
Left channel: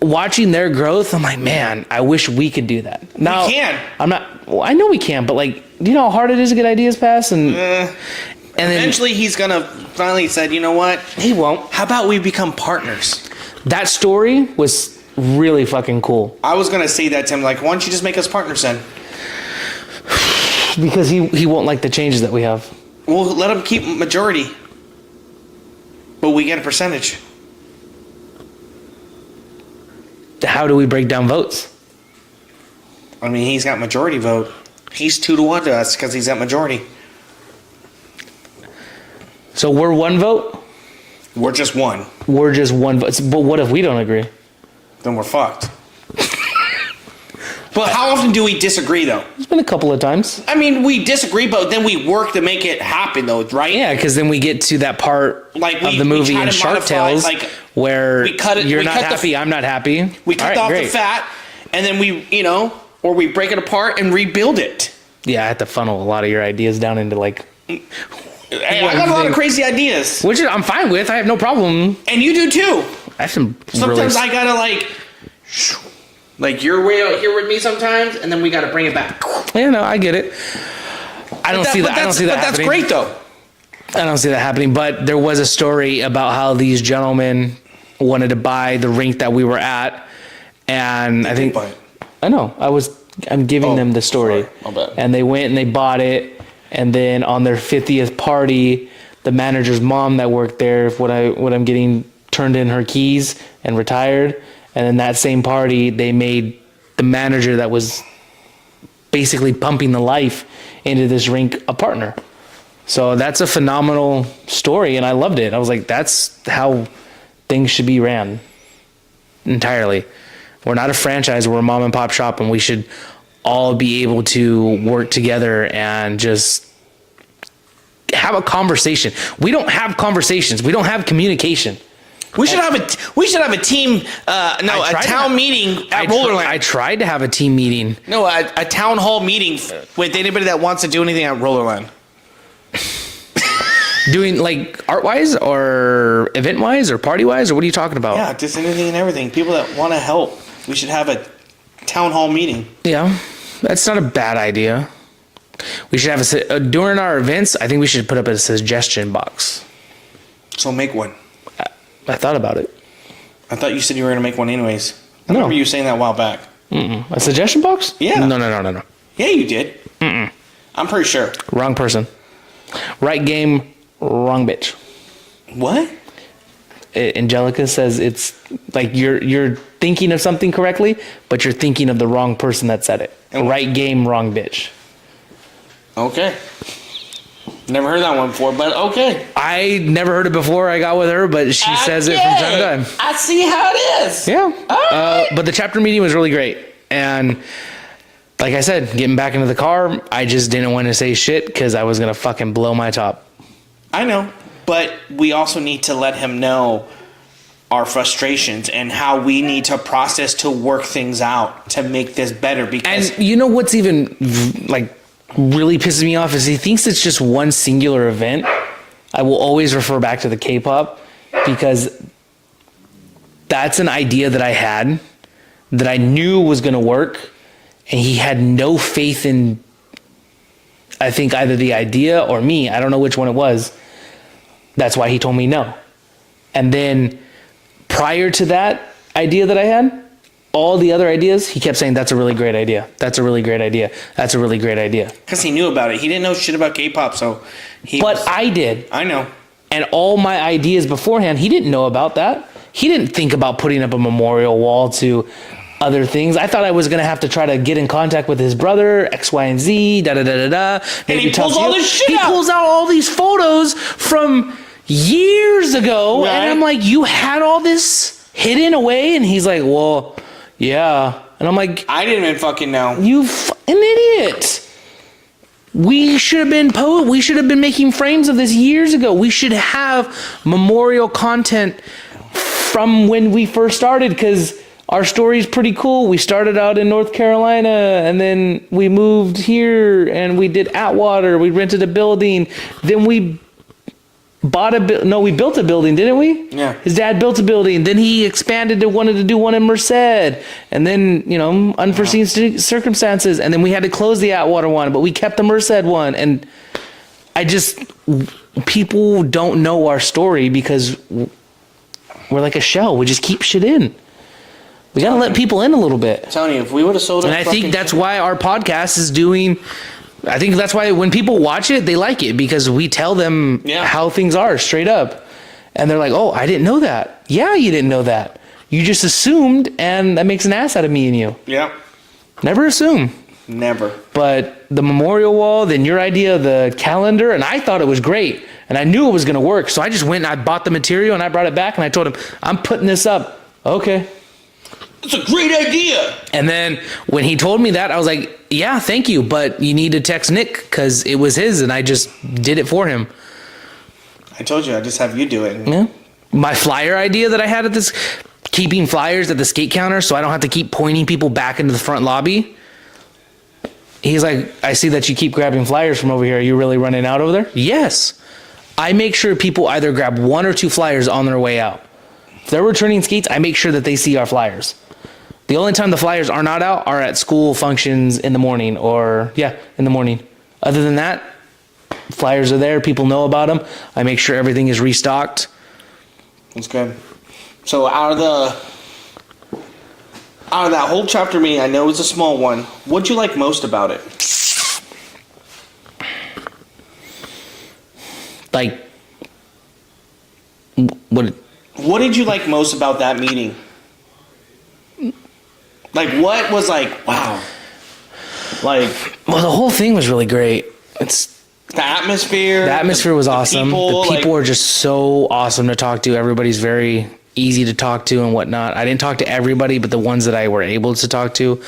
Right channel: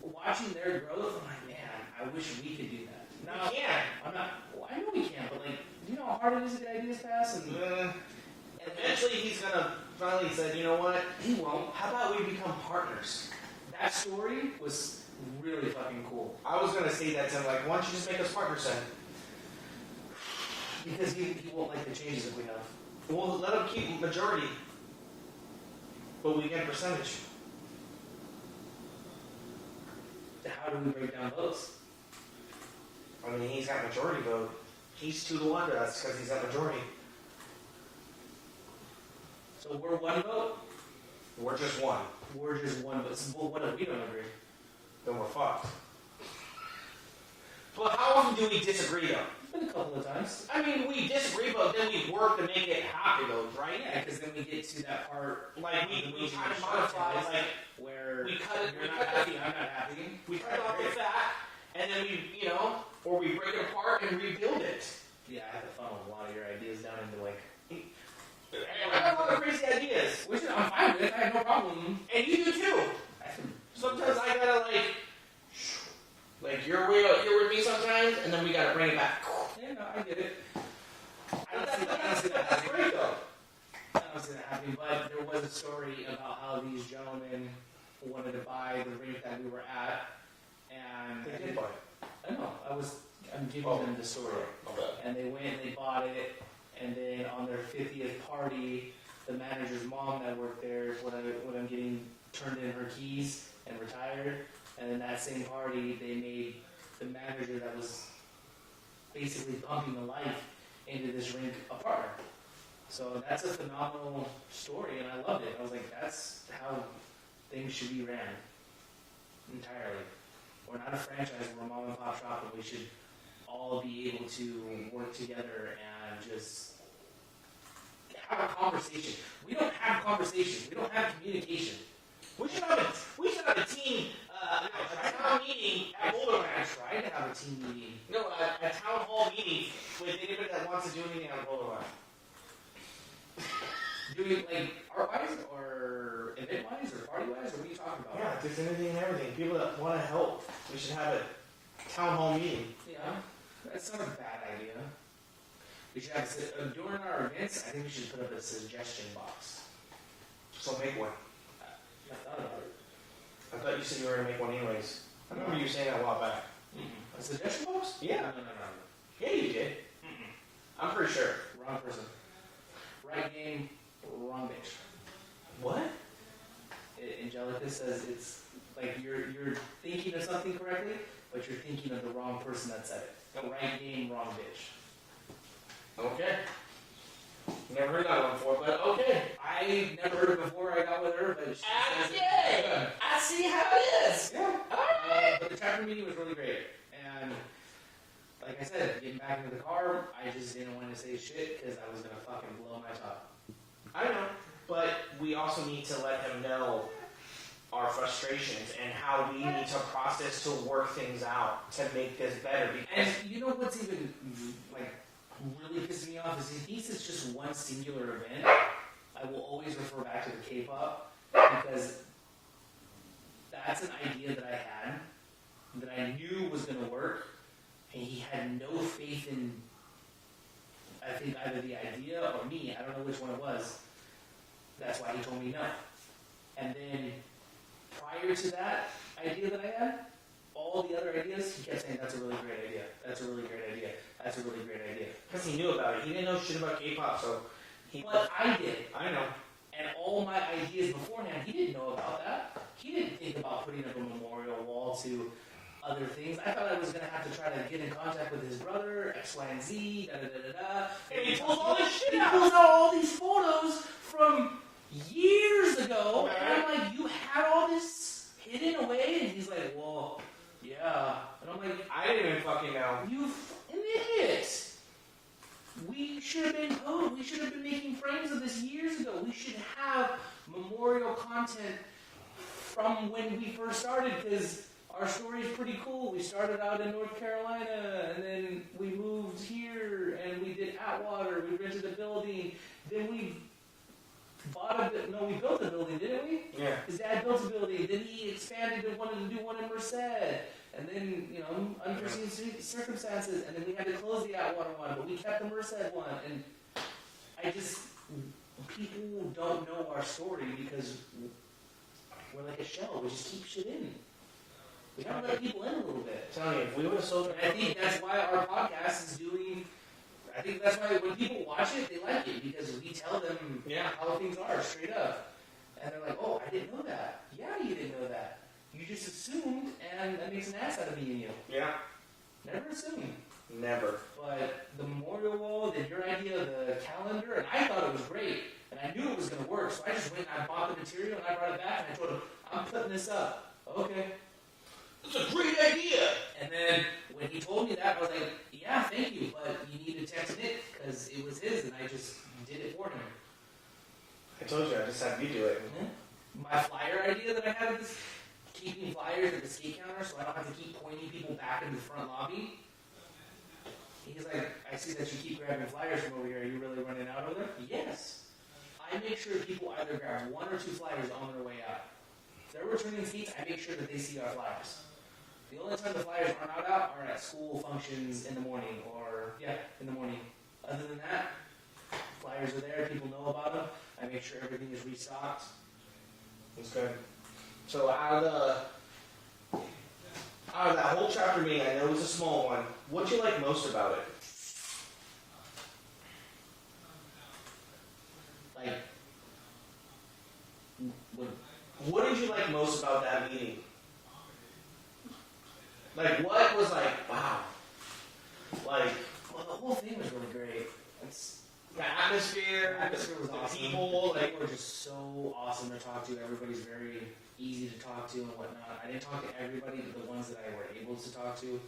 watching their growth, I'm like, man, I wish we could do that. Now, we can. I'm not. Well, I know we can, but like, do you know how hard it is to get ideas passed? And Eventually, he's gonna finally said, you know what? he won't. How about we become partners? That story was really fucking cool I was gonna say that to him, like, why don't you just make us partners then? because he won't like the changes that we have. We'll let him keep majority, but we get a percentage. How do we break down votes? I mean, he's got majority vote. He's 2-1 to us because he's got majority. So we're 1 vote. We're just one. We're just 1 vote. But what if we don't agree? Then we're fucked. But how often do we disagree, though? It's been a couple of times. I mean, we disagree, but then we work to make it happen, though, right? Yeah, because then we get to that part Like of the movie try in to Shark modify, Tales like, where we cut it- you're we not cut the- happy, I'm not happy. We cut All right, off great. the fat, and then we, or we break it apart and rebuild it. Yeah, I have to funnel a lot of your ideas down into like, Hey, I got a lot of crazy ideas, which I'm fine with. I have no problem. and you do too. I have some Sometimes really, I gotta like you're way out here with me sometimes, and then we gotta bring it back. yeah, no, I get it. I don't see that. I don't see that But that's happening. great though. I don't see that happening. But there was a story about how these gentlemen wanted to buy the rink that we were at, and I think I know. I'm giving them the story. sorry. My bad. And they went and they bought it, and then on their 50th party, the manager's mom that worked there, what I'm getting, turned in her keys and retired. And then that same party, they made the manager that was basically pumping the life into this rink a partner. So that's a phenomenal story, and I loved it. I was like, that's how things should be ran entirely. We're not a franchise, we're a mom and pop shop, and we should all be able to work together and just have a conversation. We don't have conversations. We don't have communication. We should have a team. A town meeting at Rollerland. I tried to have a team meeting. No, a town hall meeting with anybody that wants to do anything at Rollerland. Doing like art wise or event wise or party wise, or what are you talking about? Yeah, just anything and everything. People that want to help. We should have a town hall meeting. Yeah, that's not a bad idea. We should have during our events. I think we should put up a suggestion box. So make one. I thought about it. I thought you said you were going to make one anyways. I No. remember you saying that a while back. A suggestion box? Yeah. No. Yeah, you did. I'm pretty sure. Wrong person. Right game, wrong bitch. What? Angelica says it's like you're thinking of something correctly, but you're thinking of the wrong person that said it. Right game, wrong bitch. Okay. Never heard that one before, but okay. I never heard it before I got with her, but she says it from time to time. I see how it is. Yeah. Alright. But the chapter meeting was really great. And like I said, getting back into the car, I just didn't want to say shit because I was going to fucking blow my top. I know, but we also need to let him know our frustrations and how we need to process to work things out to make this better. Because And you know what's even like really pisses me off is he thinks it's just one singular event. I will always refer back to the K-pop because that's an idea that I had that I knew was going to work, and he had no faith in, I think, either the idea or me. I don't know which one it was. That's why he told me no. And then prior to that idea that I had, all the other ideas, he kept saying, that's a really great idea. That's a really great idea. That's a really great idea. because he knew about it. He didn't know shit about K-pop, so But I did. I know. And all my ideas beforehand, he didn't know about that. He didn't think about putting up a memorial wall to other things. I thought I was going to have to try to get in contact with his brother, X, Y, and Z, da-da-da-da-da. And he pulls all this shit He out. pulls out all these photos from years ago. Right. And I'm like, you had all this hidden away? And he's like, well, yeah. And I'm like, I didn't even fucking know. you an idiot. We should have been making frames of this years ago. We should have memorial content from when we first started, because our story's pretty cool. We started out in North Carolina, and then we moved here, and we did Atwater. We rented a building. Then we we built a building, didn't we? Yeah. His dad built a building. Then he expanded to wanted to do one in Merced. And then, unforeseen circumstances. And then we had to close the Atwater one, but we kept the Merced one. And people don't know our story because we're like a shell. We just keep shit in. We got to let people in a little bit. I'm telling you, if we would have sold And I think that's why our podcast is doing... I think that's why when people watch it, they like it because we tell them how things are straight up. And they're like, oh, I didn't know that. Yeah, you didn't know that. You just assumed, and that makes an ass out of me and you. Yeah. Never assume. Never. But the memorial wall, then your idea of the calendar, and I thought it was great. And I knew it was going to work. So I just went and I bought the material and I brought it back and I told him, I'm putting this up. Okay. It's a great idea. And then when he told me that, I was like, yeah, thank you. But you need to text Nick because it was his and I just did it for him. I told you, I just have you do it. Yeah. My flyer idea that I had at this, keeping flyers at the skate counter so I don't have to keep pointing people back into the front lobby. He's like, I see that you keep grabbing flyers from over here. Are you really running out over there? Yes. I make sure people either grab 1 or 2 flyers on their way out. If they're returning skates, I make sure that they see our flyers. The only time the flyers are not out are at school functions in the morning in the morning. Other than that, flyers are there. People know about them. I make sure everything is restocked. That's good. So out of that whole chapter meeting, I know it's a small one. What'd you like most about it? Like, what did you like most about that meeting? Like, what was like, wow. Like, well, the whole thing was really great. It's the atmosphere. The atmosphere was awesome. People, the people are just so awesome to talk to. Everybody's very easy to talk to and whatnot. I didn't talk to everybody, but the ones that I were able to talk to,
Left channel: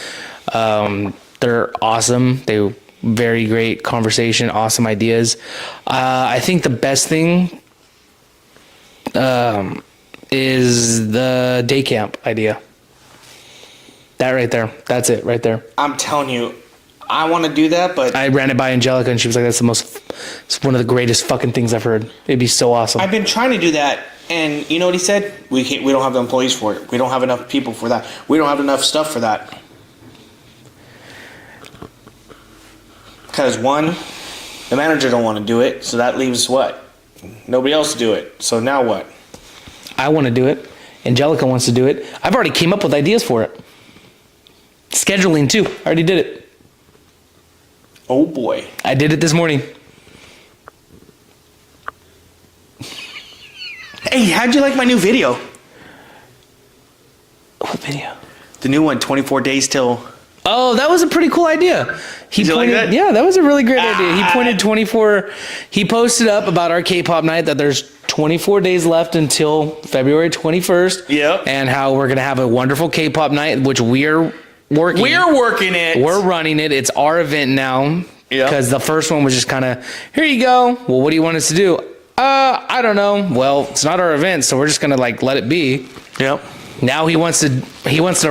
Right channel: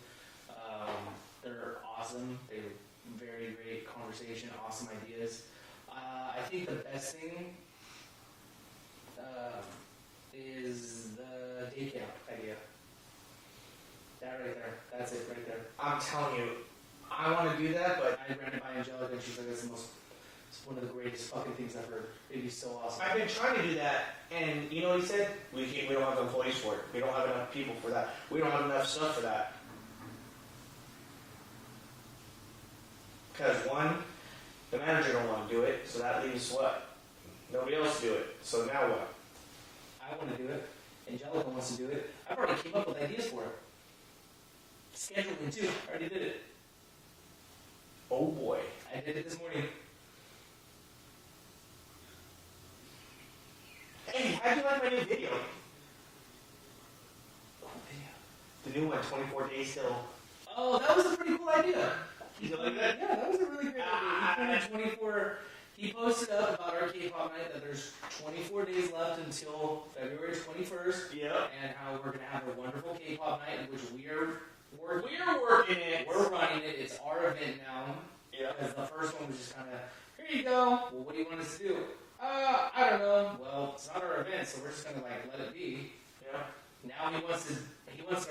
they're awesome. They were very great conversation, awesome ideas. I think the best thing is the day camp idea. That right there. That's it right there. I'm telling you, I want to do that, but... I ran it by Angelica, and she was like, it's one of the greatest fucking things I've heard. It'd be so awesome. I've been trying to do that, and you know what he said? We don't have the employees for it. We don't have enough people for that. We don't have enough stuff for that. Because, one, the manager don't want to do it, so that leaves what? Nobody else to do it. So now what? I want to do it. Angelica wants to do it. I've already came up with ideas for it. Scheduling, too. I already did it. Oh, boy. I did it this morning. Hey, how'd you like my new video? What video? The new one, 24 days till... Oh, that was a pretty cool idea. Did you like that? Yeah, that was a really great idea. He pointed 24... He posted up about our K-pop night that there's 24 days left until February 21st. Yep. And how we're going to have a wonderful K-pop night, which we're working. We're working it. We're running it. It's our event now. Yeah. Because the first one was just kind of, here you go. Well, what do you want us to do? I don't know. Well, it's not our event, so we're just gonna let it be. Yep. Now he wants to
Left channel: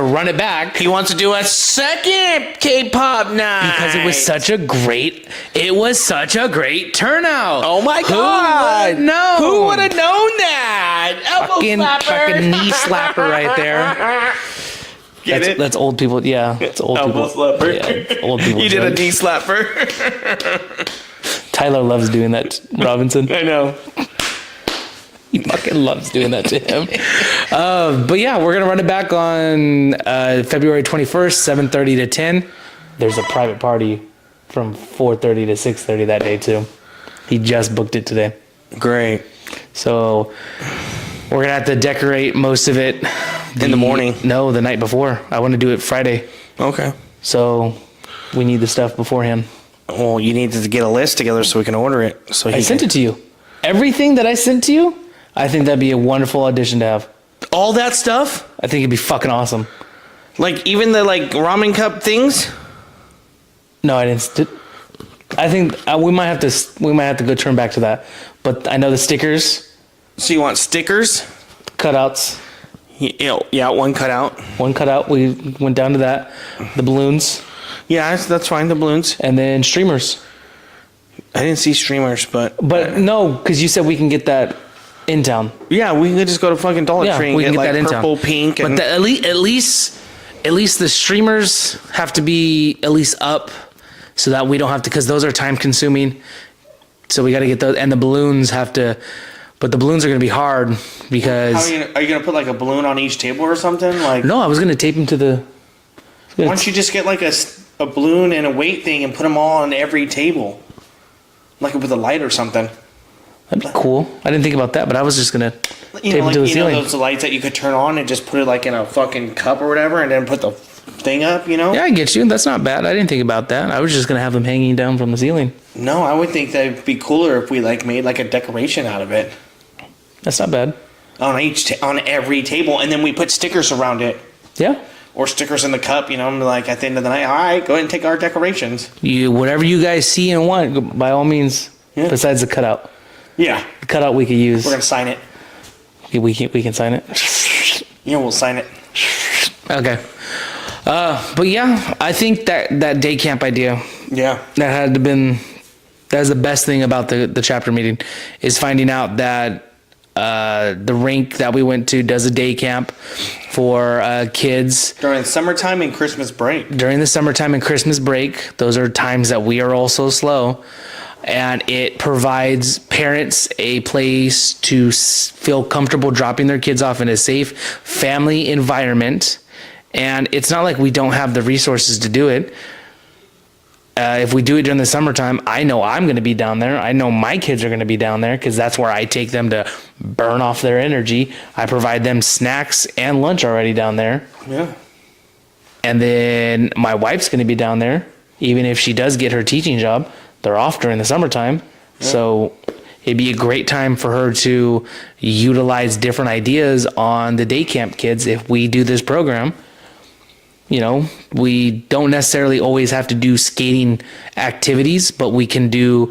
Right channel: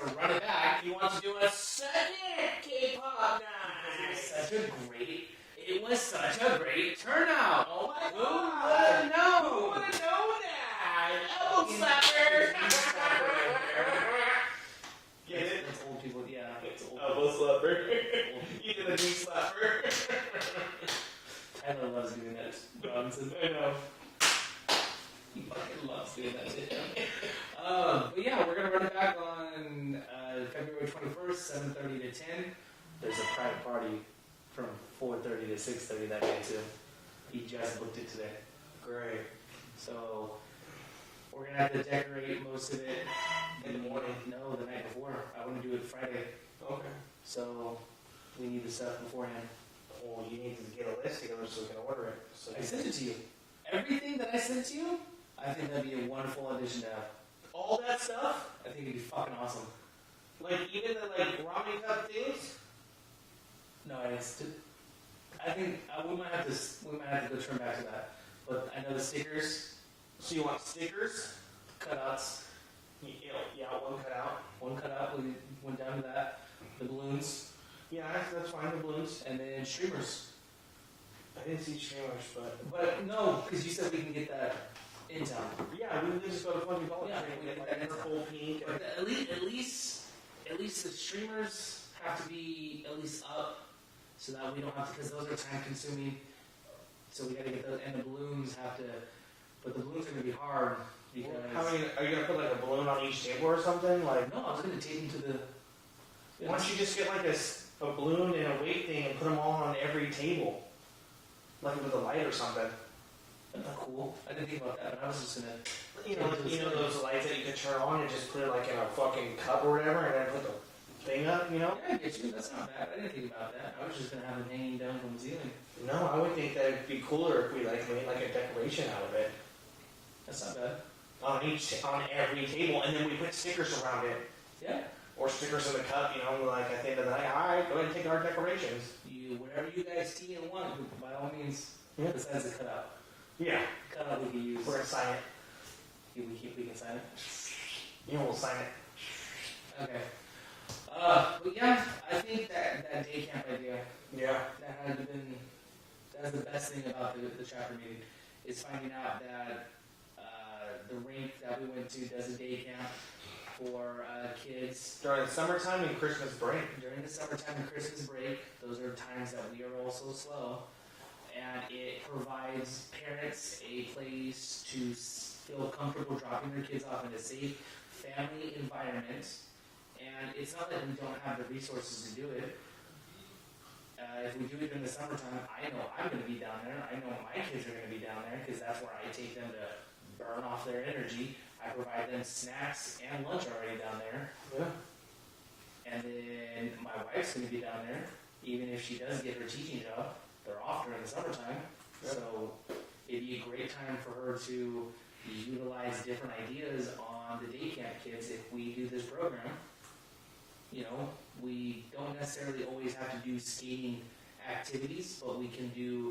run it back. He wants to do a second K-pop night because it was such a great turnout. Oh my God! Who would have known that? Elbow slapper. Fucking knee slapper right there. That's old people. Yeah, it's old elbow people. Slapper. Yeah, it's old people. You did a knee slapper. Tyler loves doing that, Robinson. I know. He fucking loves doing that to him. But yeah, we're going to run it back on February 21st, 7:30 to 10. There's a private party from 4:30 to 6:30 that day too. He just booked it today. Great. So we're going to have to decorate most of it. In the morning? No, the night before. I want to do it Friday. Okay. So we need the stuff beforehand. Well, you need to get a list together so we can order it. So I sent it to you. Everything that I sent to you, I think that'd be a wonderful audition to have. All that stuff? I think it'd be fucking awesome. Like even the ramen cup things? No, I didn't. I think we might have to go turn back to that. But I know the stickers. So you want stickers? Cutouts. Yeah, one cutout. One cutout. We went down to that. The balloons. Yeah, that's fine. The balloons. And then streamers. I didn't see streamers, but no, because you said we can get that in town. Yeah, we could just go to fucking Dollar Tree and we get can like that in purple, town. pink, and But at least the streamers have to be at least up, so that we don't have to, because those are time consuming. So we got to get those, and the balloons have to, but the balloons are going to be hard because. are you gonna put like a balloon on each table or something? Like No, I was going to tape them to the. why don't you just get like a balloon and a weight thing and put them all on every table, like with a light or something. That'd be cool. I didn't think about that, but I was just gonna tape them to the You know ceiling. those lights that you could turn on and just put it like in a fucking cup or whatever, and then put the thing up. You know? Yeah, I get you. That's not bad. I didn't think about that. I was just gonna have them hanging down from the ceiling. No, I would think that'd be cooler if we like made like a decoration out of it That's not bad. on on every table, and then we put stickers around it. Yeah. Or stickers in the cup, you know, and like at the end of the night, all right, go ahead and take our decorations. Whatever you guys see and want, by all means. Yeah. Besides the cutout. Yeah. The cutout we could use. We're going to sign it. We can sign it. Yeah, we'll sign it. Okay. But yeah, I think that day camp idea, Yeah. that is the best thing about the chapter meeting, is finding out that the rink that we went to does a day camp for kids During summertime and Christmas break. during the summertime and Christmas break. Those are times that we are also slow, and it provides parents a place to feel comfortable dropping their kids off in a safe family environment. And it's not like we don't have the resources to do it. If we do it during the summertime, I know I'm going to be down there. I know my kids are going to be down there because that's where I take them to burn off their energy. I provide them snacks and lunch already down there. Yeah. And then my wife's going to be down there, even if she does get her teaching job. They're off during the summertime. Yeah. So it'd be a great time for her to utilize different ideas on the day camp kids if we do this program. You know, we don't necessarily always have to do skating activities, but we can do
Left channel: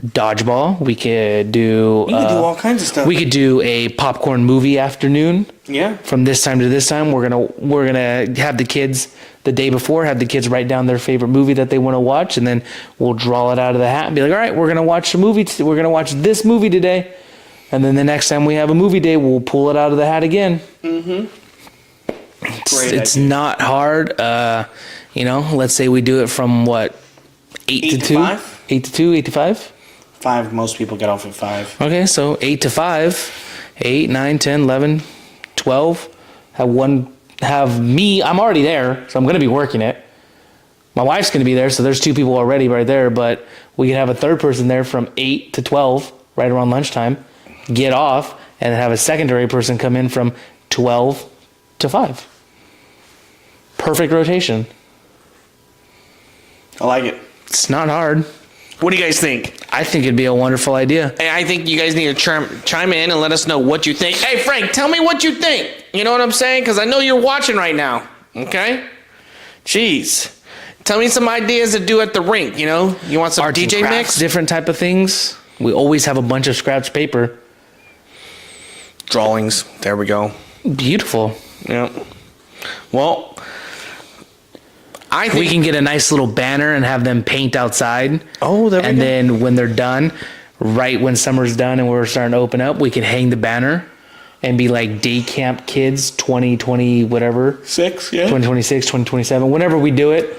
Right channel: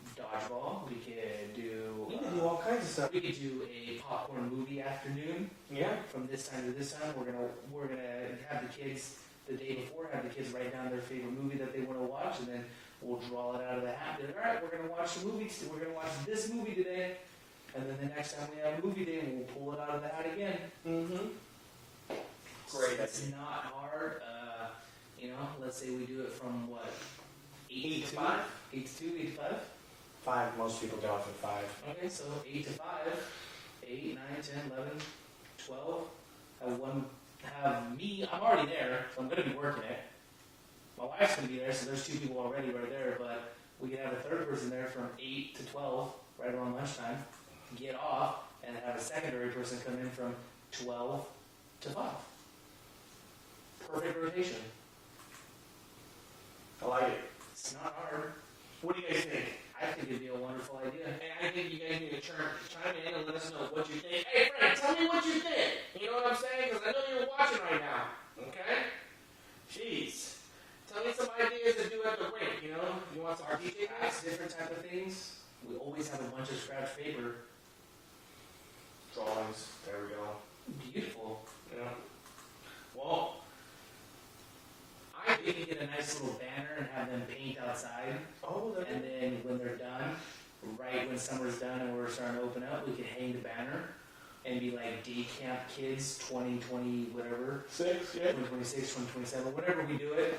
dodgeball. We could do all kinds of stuff. We could do a popcorn movie afternoon. Yeah. From this time to this time, we're gonna have the kids the day before, have the kids write down their favorite movie that they want to watch, and then we'll draw it out of the hat and be like, all right, we're gonna watch a movie. We're gonna watch this movie today, and then the next time we have a movie day, we'll pull it out of the hat again. Mm-hmm. It's not hard. You know, let's say we do it from what, 8 to 2? 5? 8 to 2, 8 to 5? 5, most people get off at 5. Okay, so 8 to 5, 8, 9, 10, 11, 12. Have me, I'm already there, so I'm going to be working it. My wife's going to be there, so there's 2 people already right there, but we can have a third person there from 8 to 12, right around lunchtime, get off, and then have a secondary person come in from 12 to 5. Perfect rotation. I like it. It's not hard. What do you guys think? I think it'd be a wonderful idea. Hey, I think you guys need to chime in and let us know what you think. Hey, Frank, tell me what you think. You know what I'm saying? Because I know you're watching right now. Okay? Jeez. Tell me some ideas to do at the rink, you know? You want some Arts and DJ crafts, mix? different type of things. We always have a bunch of scratch paper. Drawings. There we go. Beautiful. Yeah. Well, I think We can get a nice little banner and have them paint outside. Oh, there we And go. then when they're done, right when summer's done and we're starting to open up, we can hang the banner and be like day camp kids 2020 whatever. 6, yeah. 2026, 2027, whenever we do it.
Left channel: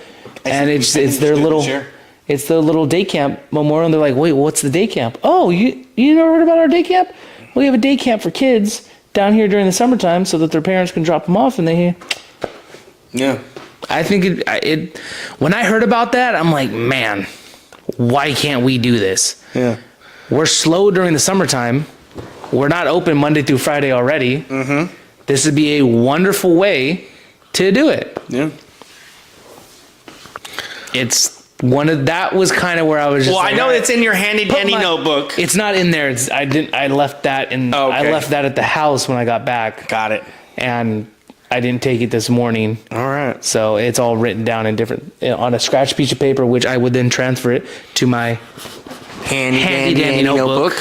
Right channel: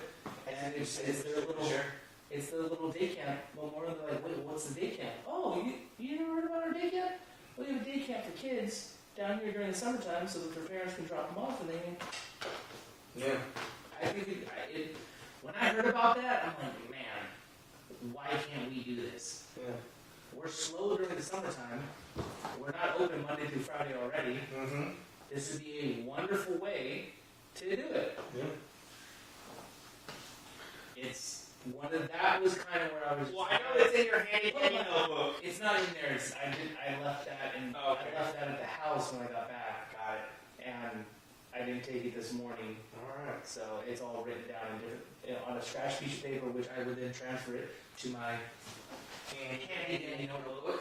And it's their little it's the little day camp memorial, and they're like, wait, what's the day camp? Oh, you never heard about our day camp? We have a day camp for kids down here during the summertime so that their parents can drop them off, and Yeah. I think it when I heard about that, I'm like, man, why can't we do this? Yeah. We're slow during the summertime. We're not open Monday through Friday already. Mm-hmm. This would be a wonderful way to do it. Yeah. It's that was kind of where I was just Well, like, I know all right, it's in your handy dandy my- notebook. It's not in there. I left that in. Okay. I left that at the house when I got back. Got it. And I didn't take it this morning. All right. So it's all written down in different on a scratch piece of paper, which I would then transfer it to my Handy dandy notebook.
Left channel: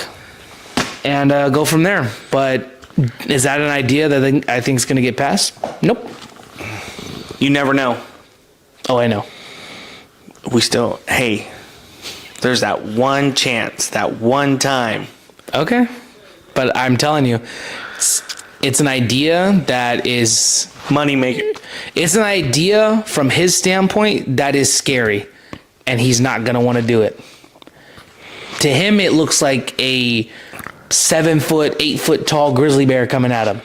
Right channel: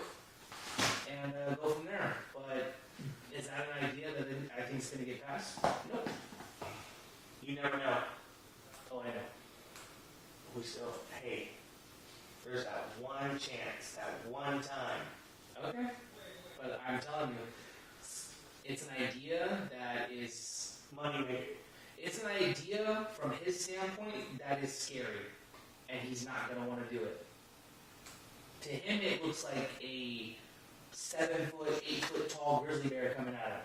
And go from there. But Is that an idea that I think is going to get passed? Nope. You never know. Oh, I know. Hey, there's that one chance, that one time. Okay. But I'm telling you, it's an idea that is Money maker. It's an idea from his standpoint that is scary, and he's not going to want to do it. To him, it looks like a 7-foot, 8-foot tall grizzly bear coming at him.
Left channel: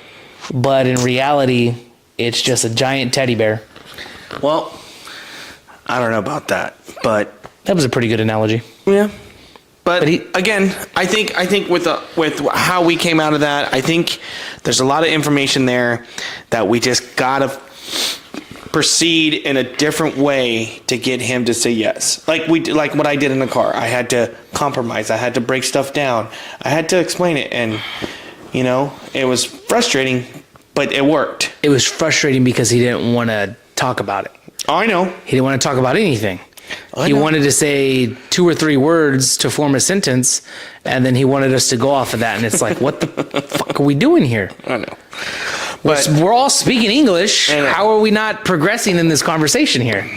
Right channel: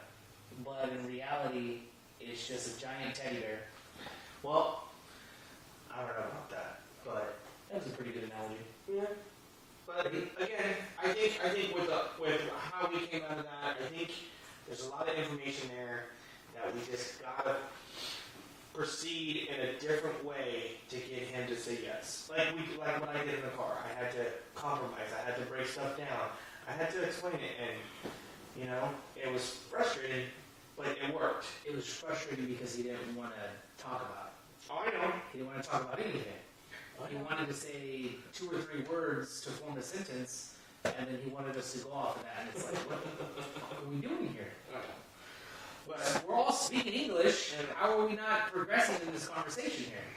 But in reality, it's just a giant teddy bear. Well, I don't know about that, but That was a pretty good analogy. yeah. But But again, I think with how we came out of that, I think there's a lot of information there that we just gotta proceed in a different way to get him to say yes. Like what I did in the car. I had to compromise. I had to break stuff down. I had to explain it, and it was frustrating, but it worked. It was frustrating because he didn't want to talk about it. Oh, I know. He didn't want to talk about anything. I He know. wanted to say 2 or 3 words to form a sentence, and then he wanted us to go off of that. And it's like, what the fuck are we doing here? I know. But we're all speaking English. And- How are we not progressing in this conversation here?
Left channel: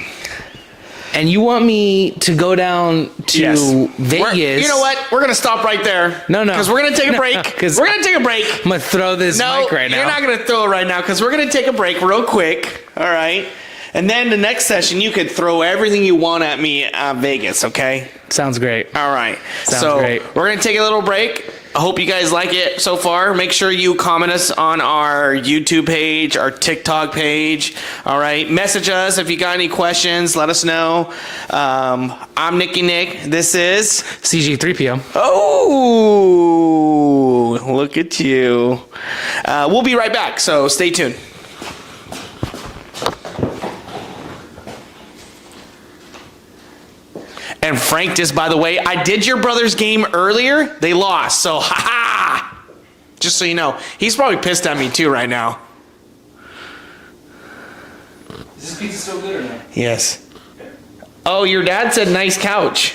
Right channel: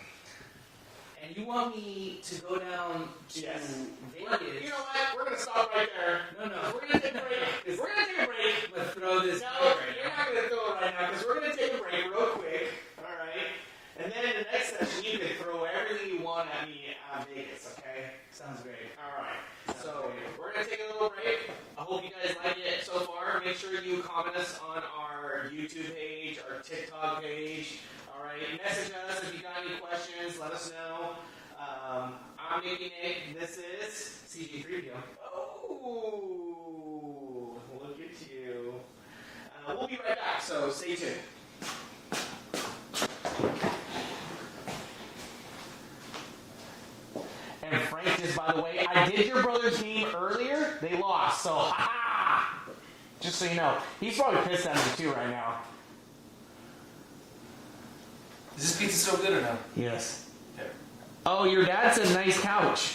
And you want me to go down to Vegas? You know what? We're gonna stop right there. No. Because we're gonna take a break. No, 'cause we're gonna take a break. I'm going to throw this No, mic right now. you're not gonna throw it right now because we're gonna take a break real quick. All right. And then the next session, you could throw everything you want at me at Vegas. Okay. Sounds great. All right. Sounds great. We're gonna take a little break. I hope you guys like it so far. Make sure you comment us on our YouTube page, our TikTok page. All right. Message us if you got any questions. Let us know. I'm Nicky Nick. This is CG3PO. Oh, look at you. We'll be right back. So stay tuned. And Frank, just by the way, I did your brother's game earlier. They lost. So, ha. Just so you know. He's probably pissed at me too right now. Is this pizza still good or no? Yes. Oh, your dad said nice couch.